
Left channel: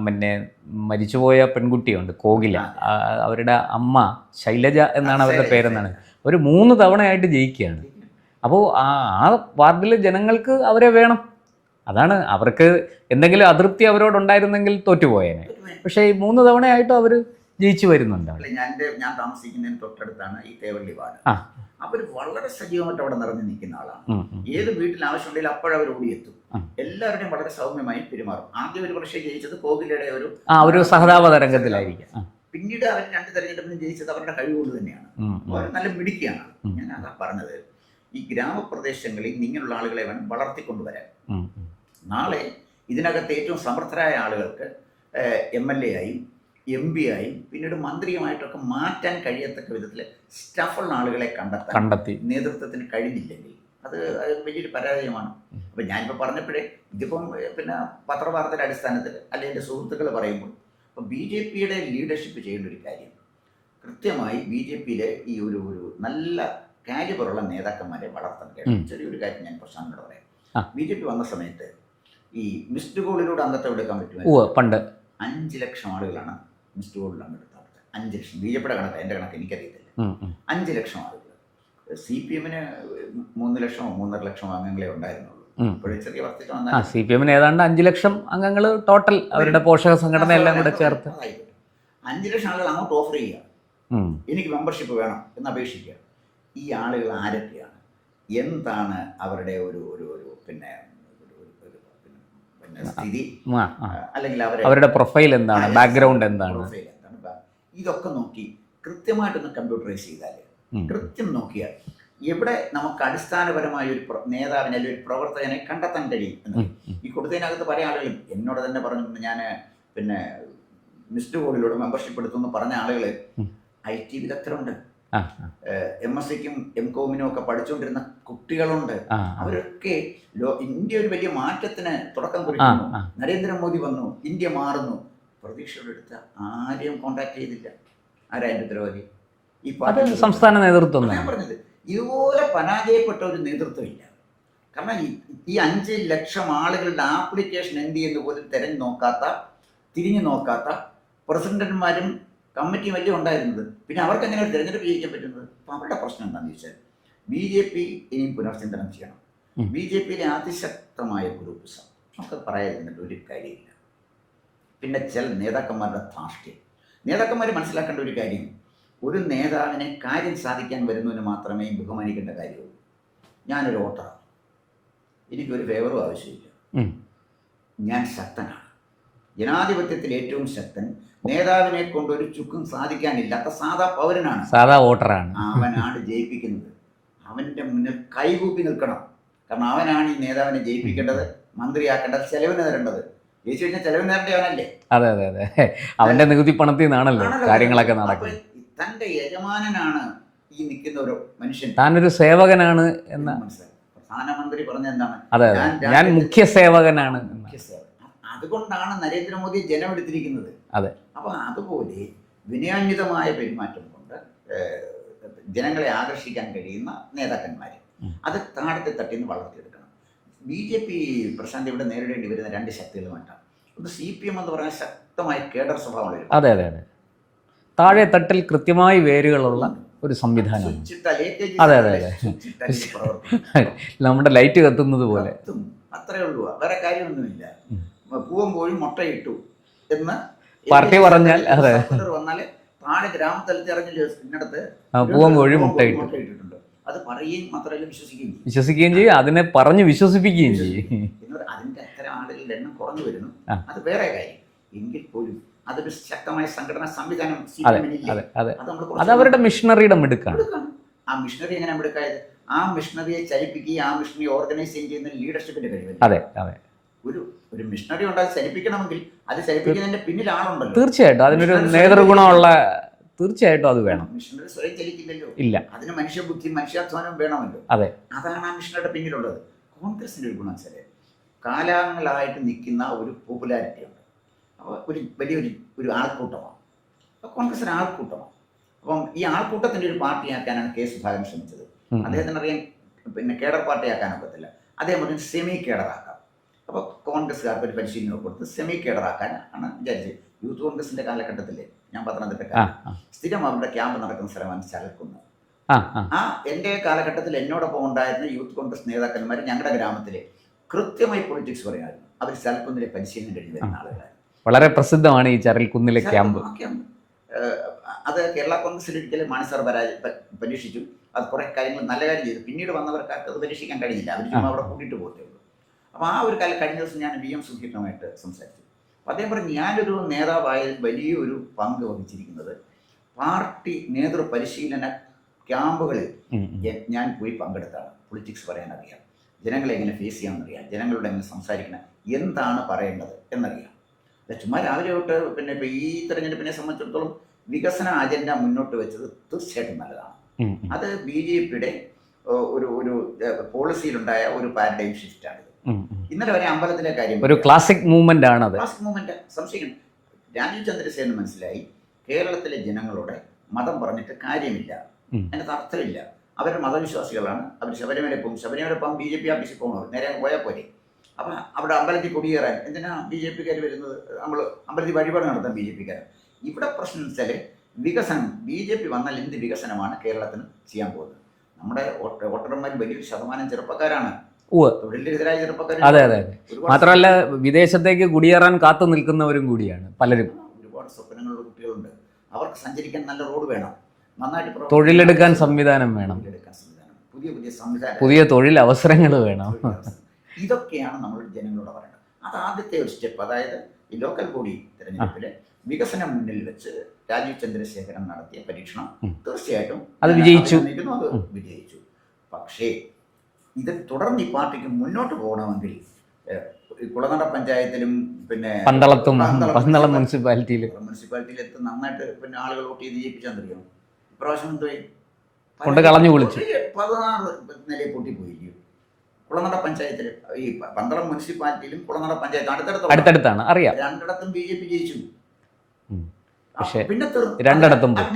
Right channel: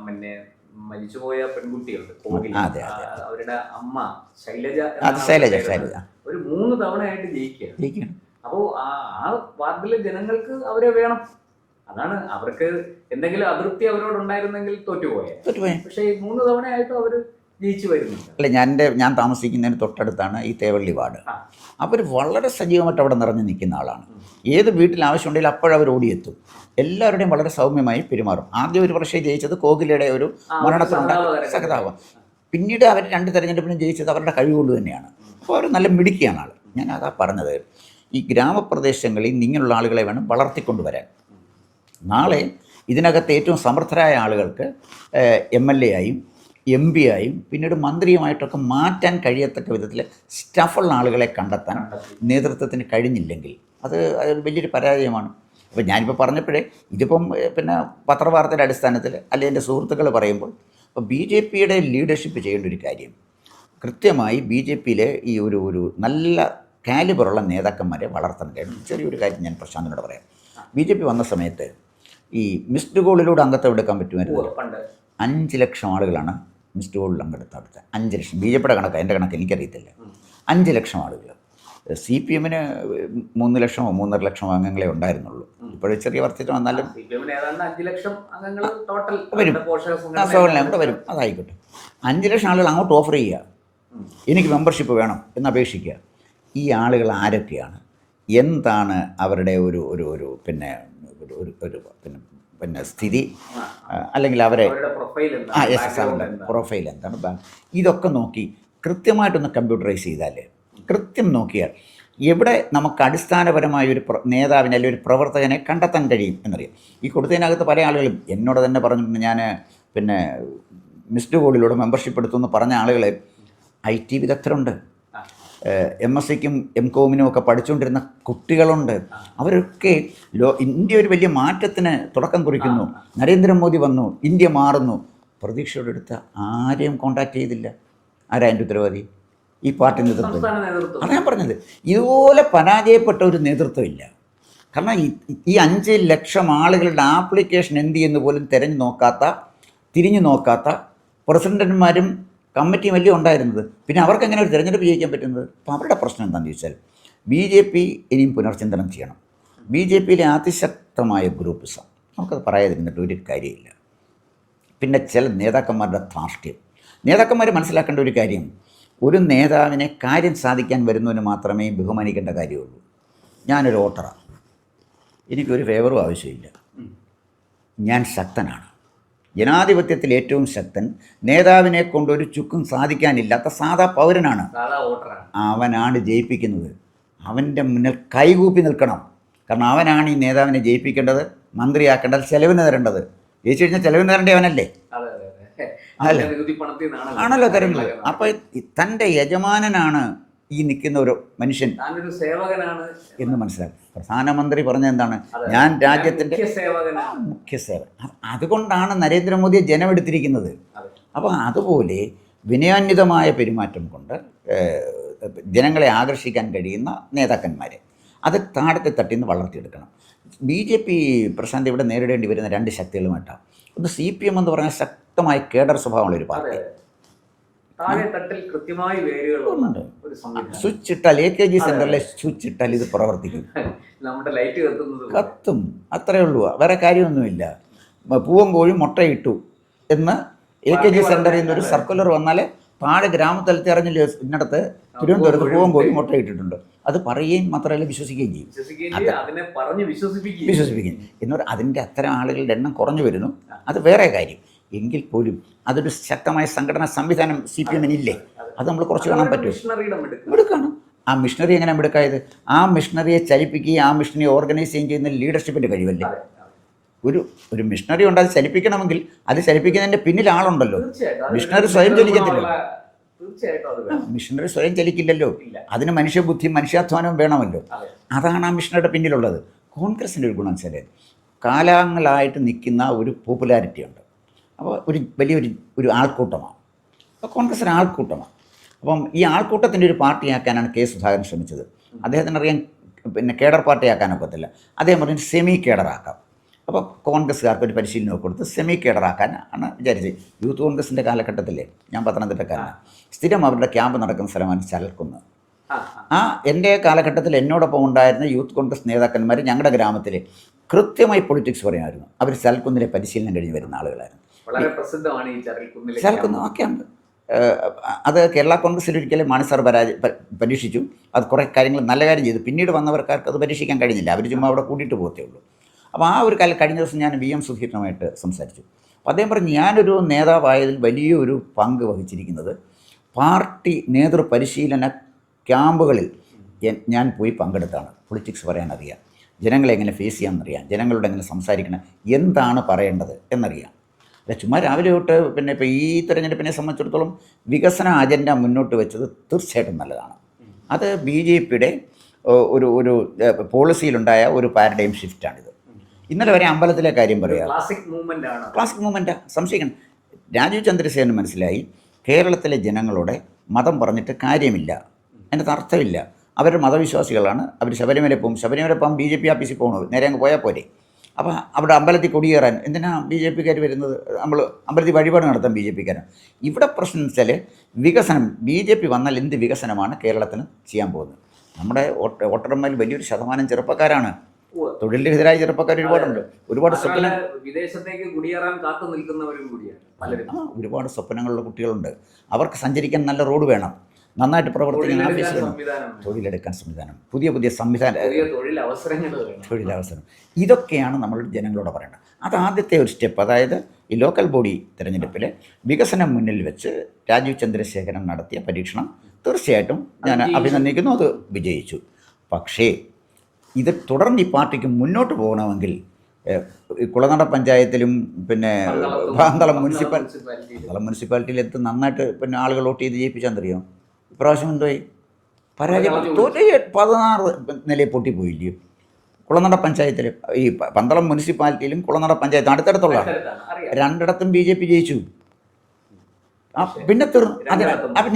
പിന്നെ മരിച്ചുപോയ പെൺകുട്ടിയുണ്ട് കോകില, അവരുടെ അമ്മ ശൈലജ എന്നാണ് അവരുടെ പേരെന്നത്. ഒരു 3 തവണയായിട്ട് ജയിക്കുകയാണ്. അപ്പോൾ ആ വാർഡിലെ ജനങ്ങൾക്ക് അവരെ വേണം. അതാണ്, അവർക്ക് എന്തെങ്കിലും അതൃപ്തി അവരോടുണ്ടായിരുന്നെങ്കിൽ തോറ്റുപോയേനെ. പക്ഷേ ഈ 3 തവണയായിട്ടും അവർ ജയിച്ചു വരുന്നുണ്ട്. അല്ല, ഞാൻ താമസിക്കുന്നതിന് തൊട്ടടുത്താണ് ഈ തേവള്ളി വാർഡ്. അവർ വളരെ സജീവമായിട്ട് അവിടെ നിറഞ്ഞു നിൽക്കുന്ന ആളാണ്. ഏത് വീട്ടിൽ ആവശ്യമുണ്ടെങ്കിലും അപ്പോഴവർ ഓടിയെത്തും. എല്ലാവരുടെയും വളരെ സൗമ്യമായി പെരുമാറും. ആദ്യം ഒരു വർഷം ജയിച്ചത് കോകിലയുടെ ഒരു സഹതാപതരംഗത്തിലാവും. പിന്നീട് അവർ 2 തെരഞ്ഞെടുപ്പിനും ജയിച്ചത് അവരുടെ കഴിവുകൊണ്ട് തന്നെയാണ്. അപ്പോൾ അവർ നല്ല മിടുക്കിയാണ് ആൾ. ഞാൻ അതാ പറഞ്ഞത്, ഈ ഗ്രാമപ്രദേശങ്ങളിൽ ഇങ്ങനെയുള്ള ആളുകളെ വേണം വളർത്തിക്കൊണ്ടുവരാൻ. നാളെ ഇതിനകത്ത് ഏറ്റവും സമർത്ഥരായ ആളുകൾക്ക് MLA ആയും MP ആയും പിന്നീട് മന്ത്രിയുമായിട്ടൊക്കെ മാറ്റാൻ കഴിയത്തക്ക വിധത്തിൽ സ്റ്റഫുള്ള ആളുകളെ കണ്ടെത്തി നേതൃത്വത്തിന് കഴിഞ്ഞില്ലെങ്കിൽ അത് വലിയൊരു പരാജയമാണ്. അപ്പോൾ ഞാനിപ്പോൾ പറഞ്ഞപ്പോഴേ ഇതിപ്പം പിന്നെ പത്രവാർത്തയുടെ അടിസ്ഥാനത്തിൽ അല്ലെങ്കിൽ എൻ്റെ സുഹൃത്തുക്കൾ പറയുമ്പോൾ അപ്പോൾ BJP-യുടെ ലീഡർഷിപ്പ് ചെയ്യേണ്ട ഒരു കാര്യം, കൃത്യമായി BJP-യിലെ ഈ ഒരു നല്ല കാലിബറുള്ള നേതാക്കന്മാരെ വളർത്തണം. ചെറിയൊരു കാര്യം ഞാൻ പ്രശാന്തനോട് പറയാം. BJP വന്ന സമയത്ത് ഈ മിസ്ഡ് കോളിലൂടെ അംഗത്വം എടുക്കാൻ പറ്റുമായിരുന്നു. പണ്ട് 5 ലക്ഷം ആളുകളാണ് മിസ്ഡ് കോളിൽ അംഗത്വം. 5 ലക്ഷം. BJP-യുടെ കണക്ക്, എൻ്റെ കണക്ക് എനിക്കറിയത്തില്ല. 5 ലക്ഷം ആളുകൾ. CPM-ന് 3 ലക്ഷമോ 3.5 ലക്ഷമോ അംഗങ്ങളെ ഉണ്ടായിരുന്നുള്ളൂ. ഇപ്പോഴും ചെറിയ വർദ്ധിച്ചു വന്നാലും CPM-ന് ഏതാണ്ട് 5 ലക്ഷം അംഗങ്ങൾ ടോട്ടൽ അവരുടെ പോഷക സംഘടന. അതായിക്കോട്ടെ, 5 ലക്ഷം ആളുകൾ അങ്ങോട്ട് ഓഫർ ചെയ്യുക, എനിക്ക് മെമ്പർഷിപ്പ് വേണം എന്ന് അപേക്ഷിക്കുക. ഈ ആളുകൾ ആരൊക്കെയാണ്, എന്താണ് അവരുടെ ഒരു പിന്നെ സ്ഥിതി, അല്ലെങ്കിൽ അവരുടെ പ്രൊഫൈൽ എന്താണ്, ബാക്ക്ഗ്രൗണ്ട് എന്താണ്, ഇതൊക്കെ നോക്കി കൃത്യമായിട്ടൊന്ന് കമ്പ്യൂട്ടറൈസ് ചെയ്താൽ, കൃത്യം നോക്കിയാൽ എവിടെ നമുക്ക് അടിസ്ഥാനപരമായ ഒരു നേതാവിനെ അല്ലെങ്കിൽ ഒരു പ്രവർത്തകനെ കണ്ടെത്താൻ കഴിയും എന്നറിയാം. ഈ കൊടുത്തതിനകത്ത് പല ആളുകളും എന്നോട് തന്നെ പറഞ്ഞിട്ടുണ്ട്, ഞാൻ പിന്നെ മിസ്ഡ് കോളിലൂടെ മെമ്പർഷിപ്പ് എടുത്തു പറഞ്ഞ ആളുകൾ IT വിദഗ്ധരുണ്ട്, MSc-ക്കും MCOM-നും ഒക്കെ പഠിച്ചുകൊണ്ടിരുന്ന കുട്ടികളുണ്ട്. അവരൊക്കെ ഇന്ത്യ ഒരു വലിയ മാറ്റത്തിന് തുടക്കം കുറിക്കുന്നു. നരേന്ദ്രമോദി വന്നു, ഇന്ത്യ മാറുന്നു. പ്രതീക്ഷയോടെ എടുത്ത ആരെയും കോൺടാക്ട് ചെയ്തില്ല. ആരാ അതിൻ്റെ ഉത്തരവാദി? ഈ പാർട്ടി സംസ്ഥാന നേതൃത്വം. ഞാൻ പറഞ്ഞത്, ഇതുപോലെ പരാജയപ്പെട്ട ഒരു നേതൃത്വം ഇല്ല. കാരണം ഈ 5 ലക്ഷം ആളുകളുടെ ആപ്ലിക്കേഷൻ എന്ത് ചെയ്യുന്നു പോലും തിരിഞ്ഞു നോക്കാത്ത പ്രസിഡന്റുമാരും കമ്മിറ്റിയും വലിയ ഉണ്ടായിരുന്നത്. പിന്നെ അവർക്ക് എങ്ങനെ ഒരു തിരഞ്ഞെടുപ്പ് ജയിക്കാൻ പറ്റുന്നത്? അപ്പോൾ അവരുടെ പ്രശ്നം എന്താണെന്ന് ചോദിച്ചാൽ BJP ഇനിയും പുനർചിന്തനം ചെയ്യണം. BJP-യിലെ അതിശക്തമായ ഗ്രൂപ്പിസം, നമുക്കത് പറയാതിരുന്നിട്ട് ഒരു കാര്യമില്ല. പിന്നെ ചില നേതാക്കന്മാരുടെ ധാർഷ്ട്യം. നേതാക്കന്മാർ മനസ്സിലാക്കേണ്ട ഒരു കാര്യം, ഒരു നേതാവിനെ കാര്യം സാധിക്കാൻ വരുന്നവന് മാത്രമേ ബഹുമാനിക്കേണ്ട കാര്യമുള്ളൂ. ഞാനൊരു വോട്ടറാണ്, എനിക്കൊരു ഫേവറും ആവശ്യമില്ല, ഞാൻ ശക്തനാണ്. ജനാധിപത്യത്തിൽ ഏറ്റവും ശക്തൻ നേതാവിനെ കൊണ്ടൊരു ചുക്കും സാധിക്കാനില്ലാത്ത സാധാ പൗരനാണ്, സാധാ വോട്ടറാണ്. അവനാണ് ജയിപ്പിക്കുന്നത്. അവൻ്റെ മുന്നിൽ കൈകൂപ്പി നിൽക്കണം. കാരണം അവനാണ് ഈ നേതാവിനെ ജയിപ്പിക്കേണ്ടത്, മന്ത്രിയാക്കേണ്ടത്, ചെലവിന് തരേണ്ടത്. ജയിച്ചു കഴിഞ്ഞാൽ ചെലവിന് തരേണ്ടത് അവനല്ലേ? അതെ അതെ അതെ, അവൻ്റെ നികുതി പണത്തിൽ നിന്നാണല്ലോ കാര്യങ്ങളൊക്കെ. അപ്പോൾ തൻ്റെ യജമാനനാണ് ഈ നിൽക്കുന്ന ഒരു മനുഷ്യൻ, താനൊരു സേവകനാണ് എന്ന് മനസ്സിലാക്കി. പ്രധാനമന്ത്രി പറഞ്ഞ എന്താണ്? ഞാൻ മുഖ്യ സേവകനാണ്. അതുകൊണ്ടാണ് നരേന്ദ്രമോദിയെ ജനമെടുത്തിരിക്കുന്നത്. അതെ. അപ്പോൾ അതുപോലെ വിനയാന്വിതമായ പെരുമാറ്റം കൊണ്ട് ജനങ്ങളെ ആകർഷിക്കാൻ കഴിയുന്ന നേതാക്കന്മാരെ അത് താഴത്തെ തട്ടിന്ന് വളർത്തിയെടുക്കണം. BJP പ്രശാന്ത് ഇവിടെ നേരിടേണ്ടി വരുന്ന 2 ശക്തികളുമായിട്ടാണ്. ഒന്ന് CPM എന്ന് പറഞ്ഞാൽ ശക്തമായ കേഡർ സ്വഭാവമുള്ള ഒരു പാർട്ടി. അതെ അതെ, താഴെ തട്ടിൽ കൃത്യമായി വേരുകളുള്ള ഒരു സംവിധാനം. സ്വിച്ച് ഇട്ടാൽ AKG സ്വിച്ച് ഇട്ടാൽ ഇത് പ്രവർത്തിക്കും. നമ്മുടെ ലൈറ്റ് കത്തുന്നത് പോലെ കത്തും, അത്രേ ഉള്ളൂ. വേറെ കാര്യമൊന്നുമില്ല. പൂവൻ കോഴി മുട്ടയിട്ടു എന്ന് സർക്കുലർ വന്നാൽ താഴെ ഗ്രാമതലത്തിൽ അറിഞ്ഞില്ല, ഇന്നടത്ത് പൂവൻ കോഴി മുട്ടയിട്ടിട്ടുണ്ട്. അത് പറയുകയും മാത്രമല്ല വിശ്വസിക്കുകയും ചെയ്യും, അതിനെ പറഞ്ഞ് വിശ്വസിപ്പിക്കുകയും എന്ന് പറഞ്ഞാൽ അതിൻ്റെ അത്തരം ആളുകളുടെ എണ്ണം കുറഞ്ഞു വരുന്നു. അത് വേറെ കാര്യം. എങ്കിൽ പോലും അതൊരു ശക്തമായ സംഘടനാ സംവിധാനം CPM-ന് ഇല്ലേ? അത് നമ്മൾ അവരുടെ മിഷണറിയുടെ മിടുക്കാണ്. ആ മിഷണറി എങ്ങനെ മിടുക്കായത്? ആ മിഷണറിയെ ചലിപ്പിക്കുകയും ആ മിഷണറിയെ ഓർഗനൈസ് ചെയ്യുന്ന ലീഡർഷിപ്പിൻ്റെ കഴിവല്ലേ? ഒരു മിഷണറി ഉണ്ട്, അത് ചലിപ്പിക്കണമെങ്കിൽ അത് ചലിപ്പിക്കുന്നതിൻ്റെ പിന്നിൽ ആളുണ്ടല്ലോ. തീർച്ചയായിട്ടും അതിനൊരു ഗുണമുള്ള, തീർച്ചയായിട്ടും അത് വേണം. മിഷണറി സ്വയം ചലിക്കില്ലല്ലോ. ഇല്ല, അതിന് മനുഷ്യബുദ്ധി മനുഷ്യാധ്വാനവും വേണമല്ലോ. അതെ, അതാണ് ആ മിഷണറിയുടെ പിന്നിലുള്ളത്. കോൺഗ്രസിൻ്റെ ഒരു ഗുണം വെച്ചാൽ കാലാങ്ങളായിട്ട് നിൽക്കുന്ന ഒരു പോപ്പുലാരിറ്റി ഉണ്ട്. അപ്പോൾ വലിയൊരു ആൾക്കൂട്ടമാണ്. അപ്പോൾ കോൺഗ്രസിന് ആൾക്കൂട്ടമാണ്. അപ്പം ഈ ആൾക്കൂട്ടത്തിൻ്റെ ഒരു പാർട്ടിയാക്കാനാണ് കെ സുധാകരൻ ശ്രമിച്ചത്. അദ്ദേഹത്തിന് അറിയാൻ കേഡർ പാർട്ടിയാക്കാനൊക്കത്തില്ല. അദ്ദേഹം പറഞ്ഞു സെമി കേഡറാക്കാം. അപ്പോൾ കോൺഗ്രസ്സുകാർക്ക് ഒരു പരിശീലനമൊക്കെ കൊടുത്ത് സെമി കേഡറാക്കാനാണ് വിചാരിച്ചത്. യൂത്ത് കോൺഗ്രസിൻ്റെ കാലഘട്ടത്തിലെ, ഞാൻ പത്തനംതിട്ടക്കാരൻ, സ്ഥിരം അവരുടെ ക്യാമ്പ് നടക്കുന്ന സ്ഥലമാണ് ചരൽക്കുന്ന്. എൻ്റെ കാലഘട്ടത്തിൽ എന്നോടൊപ്പം ഉണ്ടായിരുന്ന യൂത്ത് കോൺഗ്രസ് നേതാക്കന്മാർ ഞങ്ങളുടെ ഗ്രാമത്തിൽ കൃത്യമായി പൊളിറ്റിക്സ് പറയുമായിരുന്നു. അവർ ചരൽക്കുന്നിലെ പരിശീലനം കഴിഞ്ഞ് വരുന്ന ആളുകളായിരുന്നു. വളരെ പ്രസിദ്ധമാണ് ഈ ചരൽക്കുന്നിലെ ക്യാമ്പ്. അത് കേരള കോൺഗ്രസിൽ ഒരിക്കലും മാണി സാർ പരീക്ഷിച്ചു. അത് കുറേ കാര്യങ്ങൾ നല്ല കാര്യം ചെയ്തു. പിന്നീട് വന്നവർക്കാർക്ക് അത് പരീക്ഷിക്കാൻ കഴിഞ്ഞില്ല. അവർ ചുമ്മാ അവിടെ കൂട്ടിയിട്ട് പോകത്തേ ഉള്ളൂ. അപ്പോൾ ആ ഒരു കാലം കഴിഞ്ഞ ദിവസം ഞാൻ VM സുധീരനുമായിട്ട് സംസാരിച്ചു. അപ്പോൾ അദ്ദേഹം പറഞ്ഞു, ഞാനൊരു നേതാവായതിൽ വലിയൊരു പങ്ക് വഹിച്ചിരിക്കുന്നത് പാർട്ടി നേതൃപരിശീലന ക്യാമ്പുകളിൽ ഞാൻ പോയി പങ്കെടുത്താണ്. പൊളിറ്റിക്സ് പറയാൻ അറിയാം, ജനങ്ങളെ എങ്ങനെ ഫേസ് ചെയ്യാമെന്നറിയാം, ജനങ്ങളോട് എങ്ങനെ സംസാരിക്കണം, എന്താണ് പറയേണ്ടത് എന്നറിയാം. ചുമ്മാ രാവിലെ തൊട്ട് ഇപ്പോൾ ഈ തെരഞ്ഞെടുപ്പിനെ സംബന്ധിച്ചിടത്തോളം വികസന അജണ്ട മുന്നോട്ട് വെച്ചത് തീർച്ചയായിട്ടും നല്ലതാണ്. അത് BJPയുടെ ഒരു പോളിസിയിലുണ്ടായ ഒരു പാരഡൈം ഷിഫ്റ്റാണിത്. ഇന്നലെ വരെ അമ്പലത്തിലെ കാര്യം ഒരു ക്ലാസിക് മൂവ്മെൻ്റ് ആണ്. ക്ലാസിക് മൂവ്മെൻറ്റ് സംശയിക്കണം. രാജീവ് ചന്ദ്രസേനന് മനസ്സിലായി കേരളത്തിലെ ജനങ്ങളോട് മതം പറഞ്ഞിട്ട് കാര്യമില്ല, അതിൻ്റെ അർത്ഥമില്ല. അവർ മതവിശ്വാസികളാണ്, അവർ ശബരിമല പോകും. BJP ഓഫീസിൽ പോകണത് നേരെ അങ്ങ് പോയാൽ പോരെ. അപ്പോൾ അവിടെ അമ്പലത്തിൽ കൊടിയേറാൻ എന്തിനാ BJPക്കാർ വരുന്നത്? നമ്മൾ അമ്പലത്തിൽ വഴിപാട് നടത്താൻ BJPക്കാരാണ്. ഇവിടെ പ്രശ്നം വെച്ചാൽ വികസനം. BJP വന്നാൽ എന്ത് വികസനമാണ് കേരളത്തിന് ചെയ്യാൻ പോകുന്നത്? നമ്മുടെ വോട്ടർമാരിൽ വലിയൊരു ശതമാനം ചെറുപ്പക്കാരാണ്, തൊഴിലെതിരായ ചെറുപ്പക്കാർ. മാത്രമല്ല വിദേശത്തേക്ക് കുടിയേറാൻ കാത്തു നിൽക്കുന്നവരും കൂടിയാണ് പലരും. ഒരുപാട് സ്വപ്നങ്ങളുള്ള കുട്ടികളുണ്ട്. അവർക്ക് സഞ്ചരിക്കാൻ നല്ല റോഡ് വേണം, നന്നായിട്ട് തൊഴിലെടുക്കാൻ സംവിധാനം വേണം, പുതിയ സംവിധാനം, പുതിയ തൊഴിലവസരങ്ങൾ വേണം. ഇതൊക്കെയാണ് നമ്മൾ ജനങ്ങളോട് പറയേണ്ടത്. അത് ആദ്യത്തെ ഒരു സ്റ്റെപ്പ്. അതായത് ഈ ലോക്കൽ ബോഡി തിരഞ്ഞെടുപ്പിൽ വികസനം മുന്നിൽ വെച്ച് രാജീവ് ചന്ദ്രശേഖരൻ നടത്തിയ പരീക്ഷണം തീർച്ചയായിട്ടും അഭിനന്ദിക്കുന്നു, അത് വിജയിച്ചു. പക്ഷേ ഇത് തുടർന്ന് ഈ പാർട്ടിക്ക് മുന്നോട്ട് പോകണമെങ്കിൽ കുളനട പഞ്ചായത്തിലും പന്തളം മുനിസിപ്പാലിറ്റിയിൽ നന്നായിട്ട് ആളുകൾ വോട്ട് ചെയ്ത് ജയിപ്പിച്ചാൽ ഇപ്രാവശ്യം എന്തോയി 16 നിലയിൽ പൊട്ടിപ്പോയില്ലയോ? കുളനട പഞ്ചായത്തിൽ ഈ പന്തളം മുനിസിപ്പാലിറ്റിയിലും കുളനട പഞ്ചായത്തും അടുത്തടുത്താണ്, അറിയാം. രണ്ടിടത്തും BJP ജയിച്ചു. പിന്നെ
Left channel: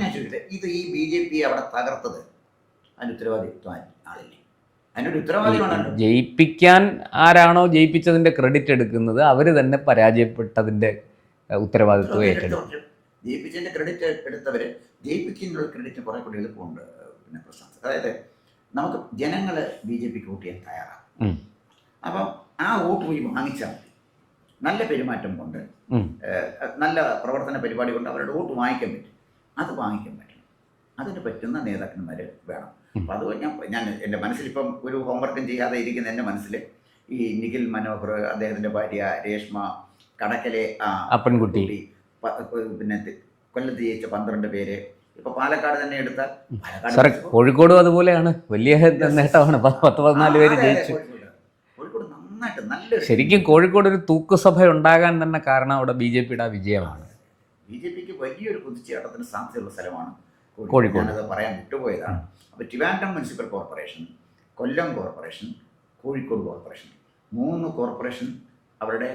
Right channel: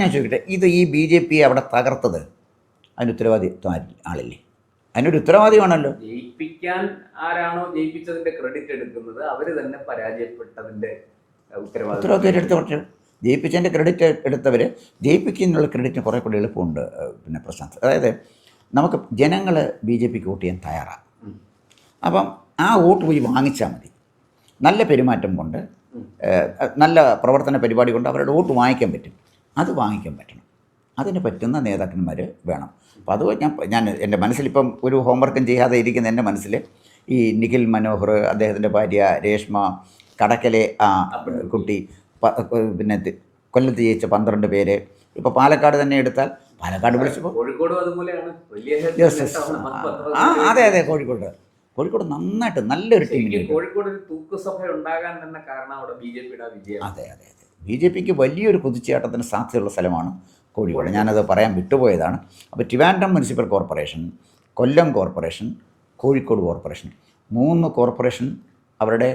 ഞാൻ ചോദിക്കട്ടെ, ഇത് ഈ BJP അവിടെ തകർത്തത് അതിന് ഉത്തരവാദിത്വം ആളില്ലേ? അതിനൊരു ഉത്തരവാദിയാണല്ലോ. ജയിപ്പിക്കാൻ ആരാണോ ജയിപ്പിച്ചതിൻ്റെ ക്രെഡിറ്റ് എടുക്കുന്നത് അവർ തന്നെ പരാജയപ്പെട്ടതിൻ്റെ ഉത്തരവാദിത്വം. ജയിപ്പിച്ചതിൻ്റെ ക്രെഡിറ്റ് എടുത്തവർ ജയിപ്പിക്കുന്നതിനുള്ള ക്രെഡിറ്റിന് കുറേ കൂടി എളുപ്പമുണ്ട്. പ്രശാന്ത്, അതായത് നമുക്ക് ജനങ്ങൾ BJPക്ക് വോട്ട് ചെയ്യാൻ തയ്യാറാണ്. അപ്പം ആ വോട്ട് പോയി വാങ്ങിച്ചാൽ മതി. നല്ല പെരുമാറ്റം കൊണ്ട്, നല്ല പ്രവർത്തന പരിപാടി കൊണ്ട് അവരുടെ വോട്ട് വാങ്ങിക്കാൻ പറ്റും. അത് വാങ്ങിക്കാൻ പറ്റണം. അതിന് പറ്റുന്ന നേതാക്കന്മാർ വേണം. അപ്പോൾ അത് ഞാൻ എൻ്റെ മനസ്സിലിപ്പം ഒരു ഹോംവർക്കും ചെയ്യാതെ ഇരിക്കുന്ന എൻ്റെ മനസ്സിൽ ഈ നിഖിൽ മനോഹർ, അദ്ദേഹത്തിൻ്റെ ഭാര്യ രേഷ്മ, കടക്കലെ അപ്പൻകുട്ടി, കൊല്ലത്ത് ജയിച്ച 12 പേര്, ഇപ്പോൾ പാലക്കാട് തന്നെ എടുത്താൽ കോഴിക്കോടും അതുപോലെയാണ്, വലിയ നേട്ടമാണ്. 10-14 കോഴിക്കോട് നന്നായിട്ട് നല്ലൊരു, ശരിക്കും കോഴിക്കോട് ഒരു തൂക്കുസഭ ഉണ്ടാകാൻ തന്നെ കാരണം അവിടെ BJPയുടെ വിജയമാണ്. അതെ, BJPക്ക് വലിയൊരു കുതിച്ചുചാട്ടത്തിന് സാധ്യതയുള്ള സ്ഥലമാണ് കോഴിക്കോട്. ഞാനത് പറയാൻ വിട്ടുപോയതാണ്. അപ്പോൾ ട്രിവാൻഡ്രം മുനിസിപ്പൽ കോർപ്പറേഷൻ, കൊല്ലം കോർപ്പറേഷൻ, കോഴിക്കോട് കോർപ്പറേഷൻ, 3 കോർപ്പറേഷൻ അവരുടെ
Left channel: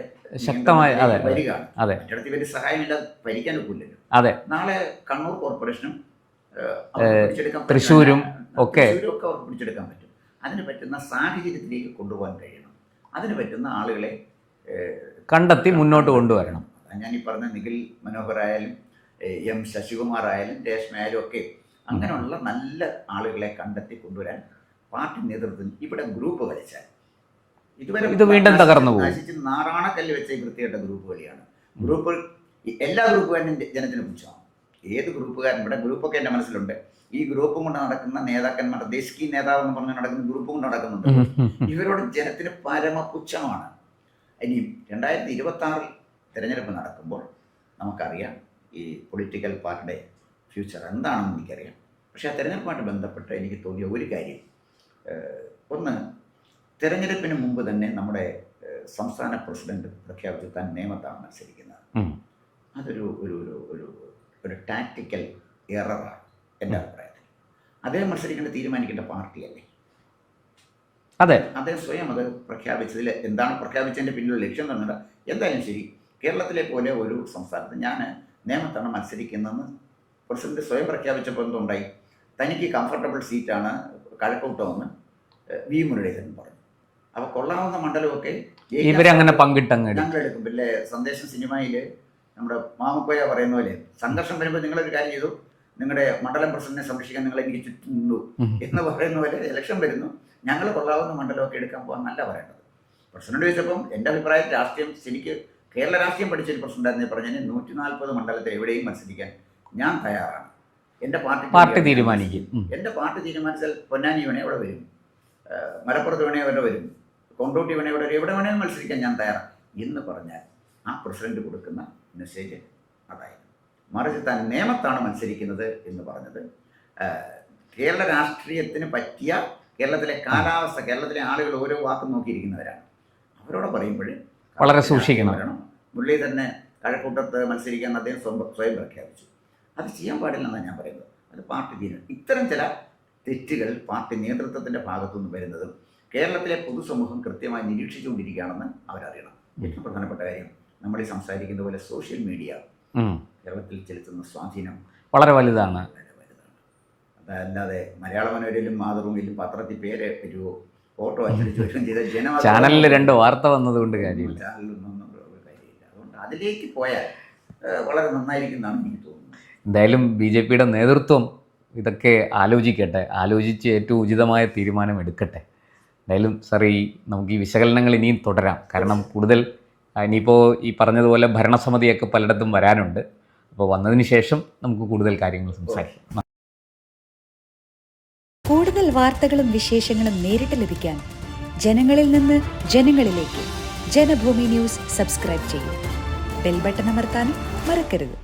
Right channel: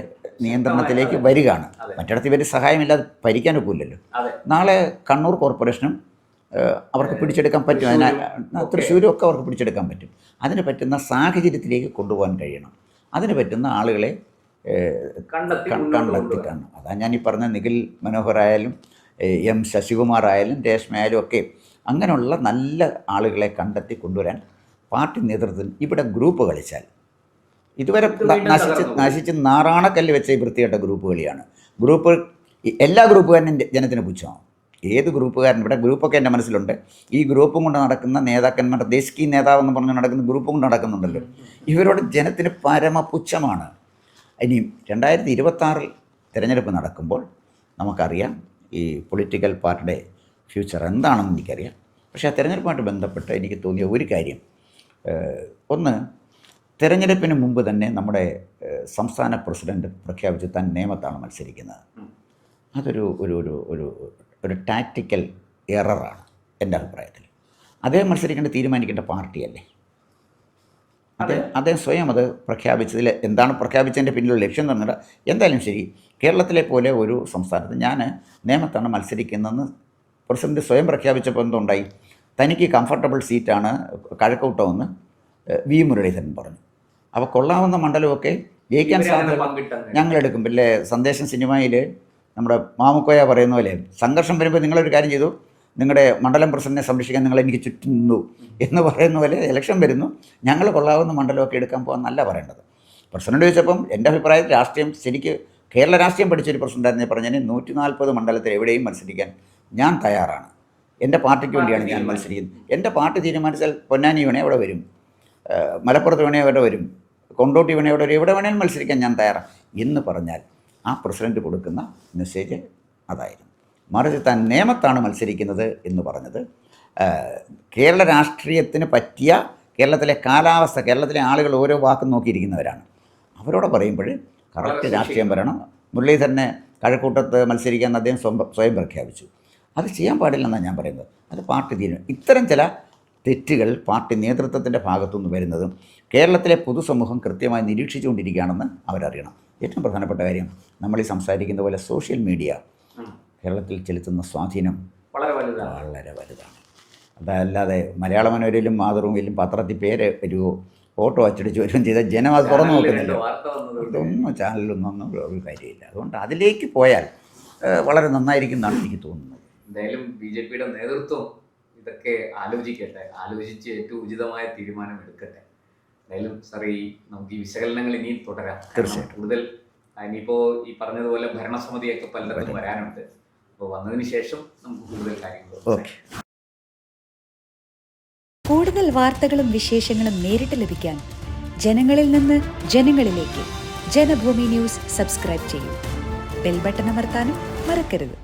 നിയന്ത്രണത്തിലേക്ക് വരികയാണ്. മറ്റിടത്ത് ഇവർ സഹായമില്ലാതെ ഭരിക്കാൻ ഒക്കില്ലല്ലോ. നാളെ കണ്ണൂർ കോർപ്പറേഷനും അവർക്ക് പിടിച്ചെടുക്കാൻ പറ്റും, തൃശ്ശൂരും ഒക്കെ അവർക്ക് പിടിച്ചെടുക്കാൻ പറ്റും. അതിന് പറ്റുന്ന സാഹചര്യത്തിലേക്ക് കൊണ്ടുപോകാൻ കഴിയണം. അതിന് പറ്റുന്ന ആളുകളെ കണ്ടെത്തി മുന്നോട്ട് കൊണ്ടുവരണം. അതാണ് ഞാൻ ഈ പറഞ്ഞ നിഖിൽ മനോഹർ ആയാലും M ശശികുമാർ ആയാലും രേഷ്മ ആയാലും ഒക്കെ അങ്ങനെയുള്ള നല്ല ആളുകളെ കണ്ടെത്തി കൊണ്ടുവരാൻ പാർട്ടി നേതൃത്വത്തിൽ ഇവിടെ ഗ്രൂപ്പ് കളിച്ചാൽ ഇതുവരെ നശിച്ച് നാറാണക്കല്ല് വെച്ച വൃത്തികെട്ട ഗ്രൂപ്പ് കളിയാണ്. എല്ലാ ഗ്രൂപ്പുകാരനും ജനത്തിന് പുച്ഛമാണ്. ഏത് ഗ്രൂപ്പുകാരൻ, ഇവിടെ ഗ്രൂപ്പൊക്കെ എൻ്റെ മനസ്സിലുണ്ട്, ഈ ഗ്രൂപ്പും കൊണ്ട് നടക്കുന്ന നേതാക്കന്മാരുടെ ദേശീയ നേതാവ് എന്ന് പറഞ്ഞ് നടക്കുന്ന ഗ്രൂപ്പും കൊണ്ട് നടക്കുന്നുണ്ടല്ലോ, ഇവരോട് ജനത്തിന് പരമപുച്ഛമാണ്. ഇനി 2026 തിരഞ്ഞെടുപ്പ് നടക്കുമ്പോൾ നമുക്കറിയാം ഈ പൊളിറ്റിക്കൽ പാർട്ടിയുടെ ഫ്യൂച്ചർ എന്താണെന്ന് എനിക്കറിയാം. പക്ഷേ ആ തിരഞ്ഞെടുപ്പുമായിട്ട് ബന്ധപ്പെട്ട് എനിക്ക് തോന്നിയ ഒരു കാര്യം, ഒന്ന്, തിരഞ്ഞെടുപ്പിന് മുമ്പ് തന്നെ നമ്മുടെ സംസ്ഥാന പ്രസിഡന്റ് പ്രഖ്യാപിച്ചു താൻ നേമത്താണ് മത്സരിക്കുന്നത്. അതൊരു ഒരു ഒരു ഒരു ഒരു ടാക്റ്റിക്കൽ എററാണ് എൻ്റെ അഭിപ്രായത്തിൽ. അദ്ദേഹം തീരുമാനിക്കേണ്ട പാർട്ടിയല്ലേ. അതെ, അദ്ദേഹം സ്വയം അത് പ്രഖ്യാപിച്ചതിൽ എന്താണ് പ്രഖ്യാപിച്ചതിൻ്റെ പിന്നിലുള്ള ലക്ഷ്യം എന്ന് പറഞ്ഞാൽ, എന്തായാലും ശരി, കേരളത്തിലെ പോലെ ഒരു സംസ്ഥാനത്ത് ഞാൻ നേമത്താണ് മത്സരിക്കുന്നതെന്ന് പ്രസിഡന്റ് സ്വയം പ്രഖ്യാപിച്ചപ്പോൾ എന്തുണ്ടായി, തനിക്ക് കംഫർട്ടബിൾ സീറ്റാണ് കഴക്കൂട്ടമെന്ന് വി മുരളീധരൻ പറഞ്ഞു. അപ്പോൾ കൊള്ളാവുന്ന മണ്ഡലമൊക്കെ ഞങ്ങളെടുക്കും. പിന്നെ സന്ദേശം സിനിമയിൽ നമ്മുടെ മാമുക്കോയ പറയുന്ന പോലെ, സംഘർഷം വരുമ്പോൾ നിങ്ങളൊരു കാര്യം ചെയ്തു, നിങ്ങളുടെ മണ്ഡലം പ്രസിഡന്റിനെ സംരക്ഷിക്കാൻ നിങ്ങൾ എനിക്ക് ചുറ്റും നിന്നു എന്ന് പറയുന്ന പോലെ ഇലക്ഷൻ വരുന്നു, ഞങ്ങൾ കൊള്ളാവുന്ന മണ്ഡലമൊക്കെ എടുക്കാൻ പോകാമെന്നല്ല പറയേണ്ടത്. പ്രസിഡന്റ് ചോദിച്ചപ്പം എൻ്റെ അഭിപ്രായത്തിൽ രാഷ്ട്രീയം ശരിക്ക് കേരള രാഷ്ട്രീയം പഠിച്ചൊരു പ്രസിഡന്റായിരുന്നെ പറഞ്ഞാൽ 140 മണ്ഡലത്തിൽ എവിടെയും മത്സരിക്കാൻ ഞാൻ തയ്യാറാണ്. എൻ്റെ പാർട്ടി തീരുമാനിക്കും. എൻ്റെ പാർട്ടി തീരുമാനിച്ചാൽ പൊന്നാനി വേണേ അവിടെ വരും, മലപ്പുറത്ത് വേണേ അവിടെ വരും, കൊണ്ടോട്ടി വേണേ അവിടെ വരും, എവിടെ വേണേലും മത്സരിക്കാൻ ഞാൻ തയ്യാറാണ് എന്ന് പറഞ്ഞാൽ ആ പ്രസിഡന്റ് കൊടുക്കുന്ന മെസ്സേജ് അതായിരുന്നു. മറിച്ച് താൻ നേമത്താണ് മത്സരിക്കുന്നത് എന്ന് പറഞ്ഞത് കേരള രാഷ്ട്രീയത്തിന് പറ്റിയ കേരളത്തിലെ കാലാവസ്ഥ, കേരളത്തിലെ ആളുകൾ ഓരോ വാക്കും നോക്കിയിരിക്കുന്നവരാണ്. അവരോട് പറയുമ്പോൾ വളരെ സൂക്ഷിക്കണം വരണം. മുരളീധരനെ കഴക്കൂട്ടത്ത് മത്സരിക്കാൻ അദ്ദേഹം സ്വയം പ്രഖ്യാപിച്ചു. അത് ചെയ്യാൻ പാടില്ലെന്നാണ് ഞാൻ പറയുന്നത്. അത് പാർട്ടി തീരുമാനം. ഇത്തരം ചില തെറ്റുകൾ പാർട്ടി നേതൃത്വത്തിൻ്റെ ഭാഗത്തുനിന്ന് വരുന്നതും കേരളത്തിലെ പൊതുസമൂഹം കൃത്യമായി നിരീക്ഷിച്ചുകൊണ്ടിരിക്കുകയാണെന്ന് അവരറിയണം. ഏറ്റവും പ്രധാനപ്പെട്ട കാര്യം, നമ്മൾ ഈ സംസാരിക്കുന്ന പോലെ സോഷ്യൽ മീഡിയ കേരളത്തിൽ ചെലുത്തുന്ന സ്വാധീനം വളരെ വലുതാണ്. അതല്ലാതെ മലയാള മനോരയിലും മാതൃഭൂമിയിലും പത്രത്തിൽ പേര് വരുമോ, ഫോട്ടോ അച്ചടിച്ച് വരികയും ചെയ്ത ചാനലിൽ 2 വാർത്ത വന്നതുകൊണ്ട് ചാനലിലൊന്നും ഒരു കാര്യമില്ല. അതുകൊണ്ട് അതിലേക്ക് പോയാൽ വളരെ നന്നായിരിക്കും എന്നാണ് എനിക്ക് തോന്നുന്നത്. എന്തായാലും BJPയുടെ നേതൃത്വം ഇതൊക്കെ ആലോചിക്കട്ടെ, ആലോചിച്ച് ഏറ്റവും ഉചിതമായ തീരുമാനം എടുക്കട്ടെ. എന്തായാലും സാർ, നമുക്ക് ഈ വിശകലനങ്ങൾ ഇനിയും തുടരാം. കാരണം കൂടുതൽ ഇനിയിപ്പോൾ ഈ പറഞ്ഞതുപോലെ ഭരണസമിതിയൊക്കെ പലയിടത്തും വരാനുണ്ട്. അപ്പോൾ വന്നതിന് ശേഷം നമുക്ക് കൂടുതൽ കാര്യങ്ങൾ സംസാരിക്കാം. കൂടുതൽ വാർത്തകളും വിശേഷങ്ങളും നേരിട്ട് ലഭിക്കാൻ ജനങ്ങളിൽ നിന്ന് ജനങ്ങളിലേക്ക് ജനഭൂമി ന്യൂസ് സബ്സ്ക്രൈബ് ചെയ്യൂ. ബെൽ ബട്ടൺ അമർത്താനും മറക്കരുത്.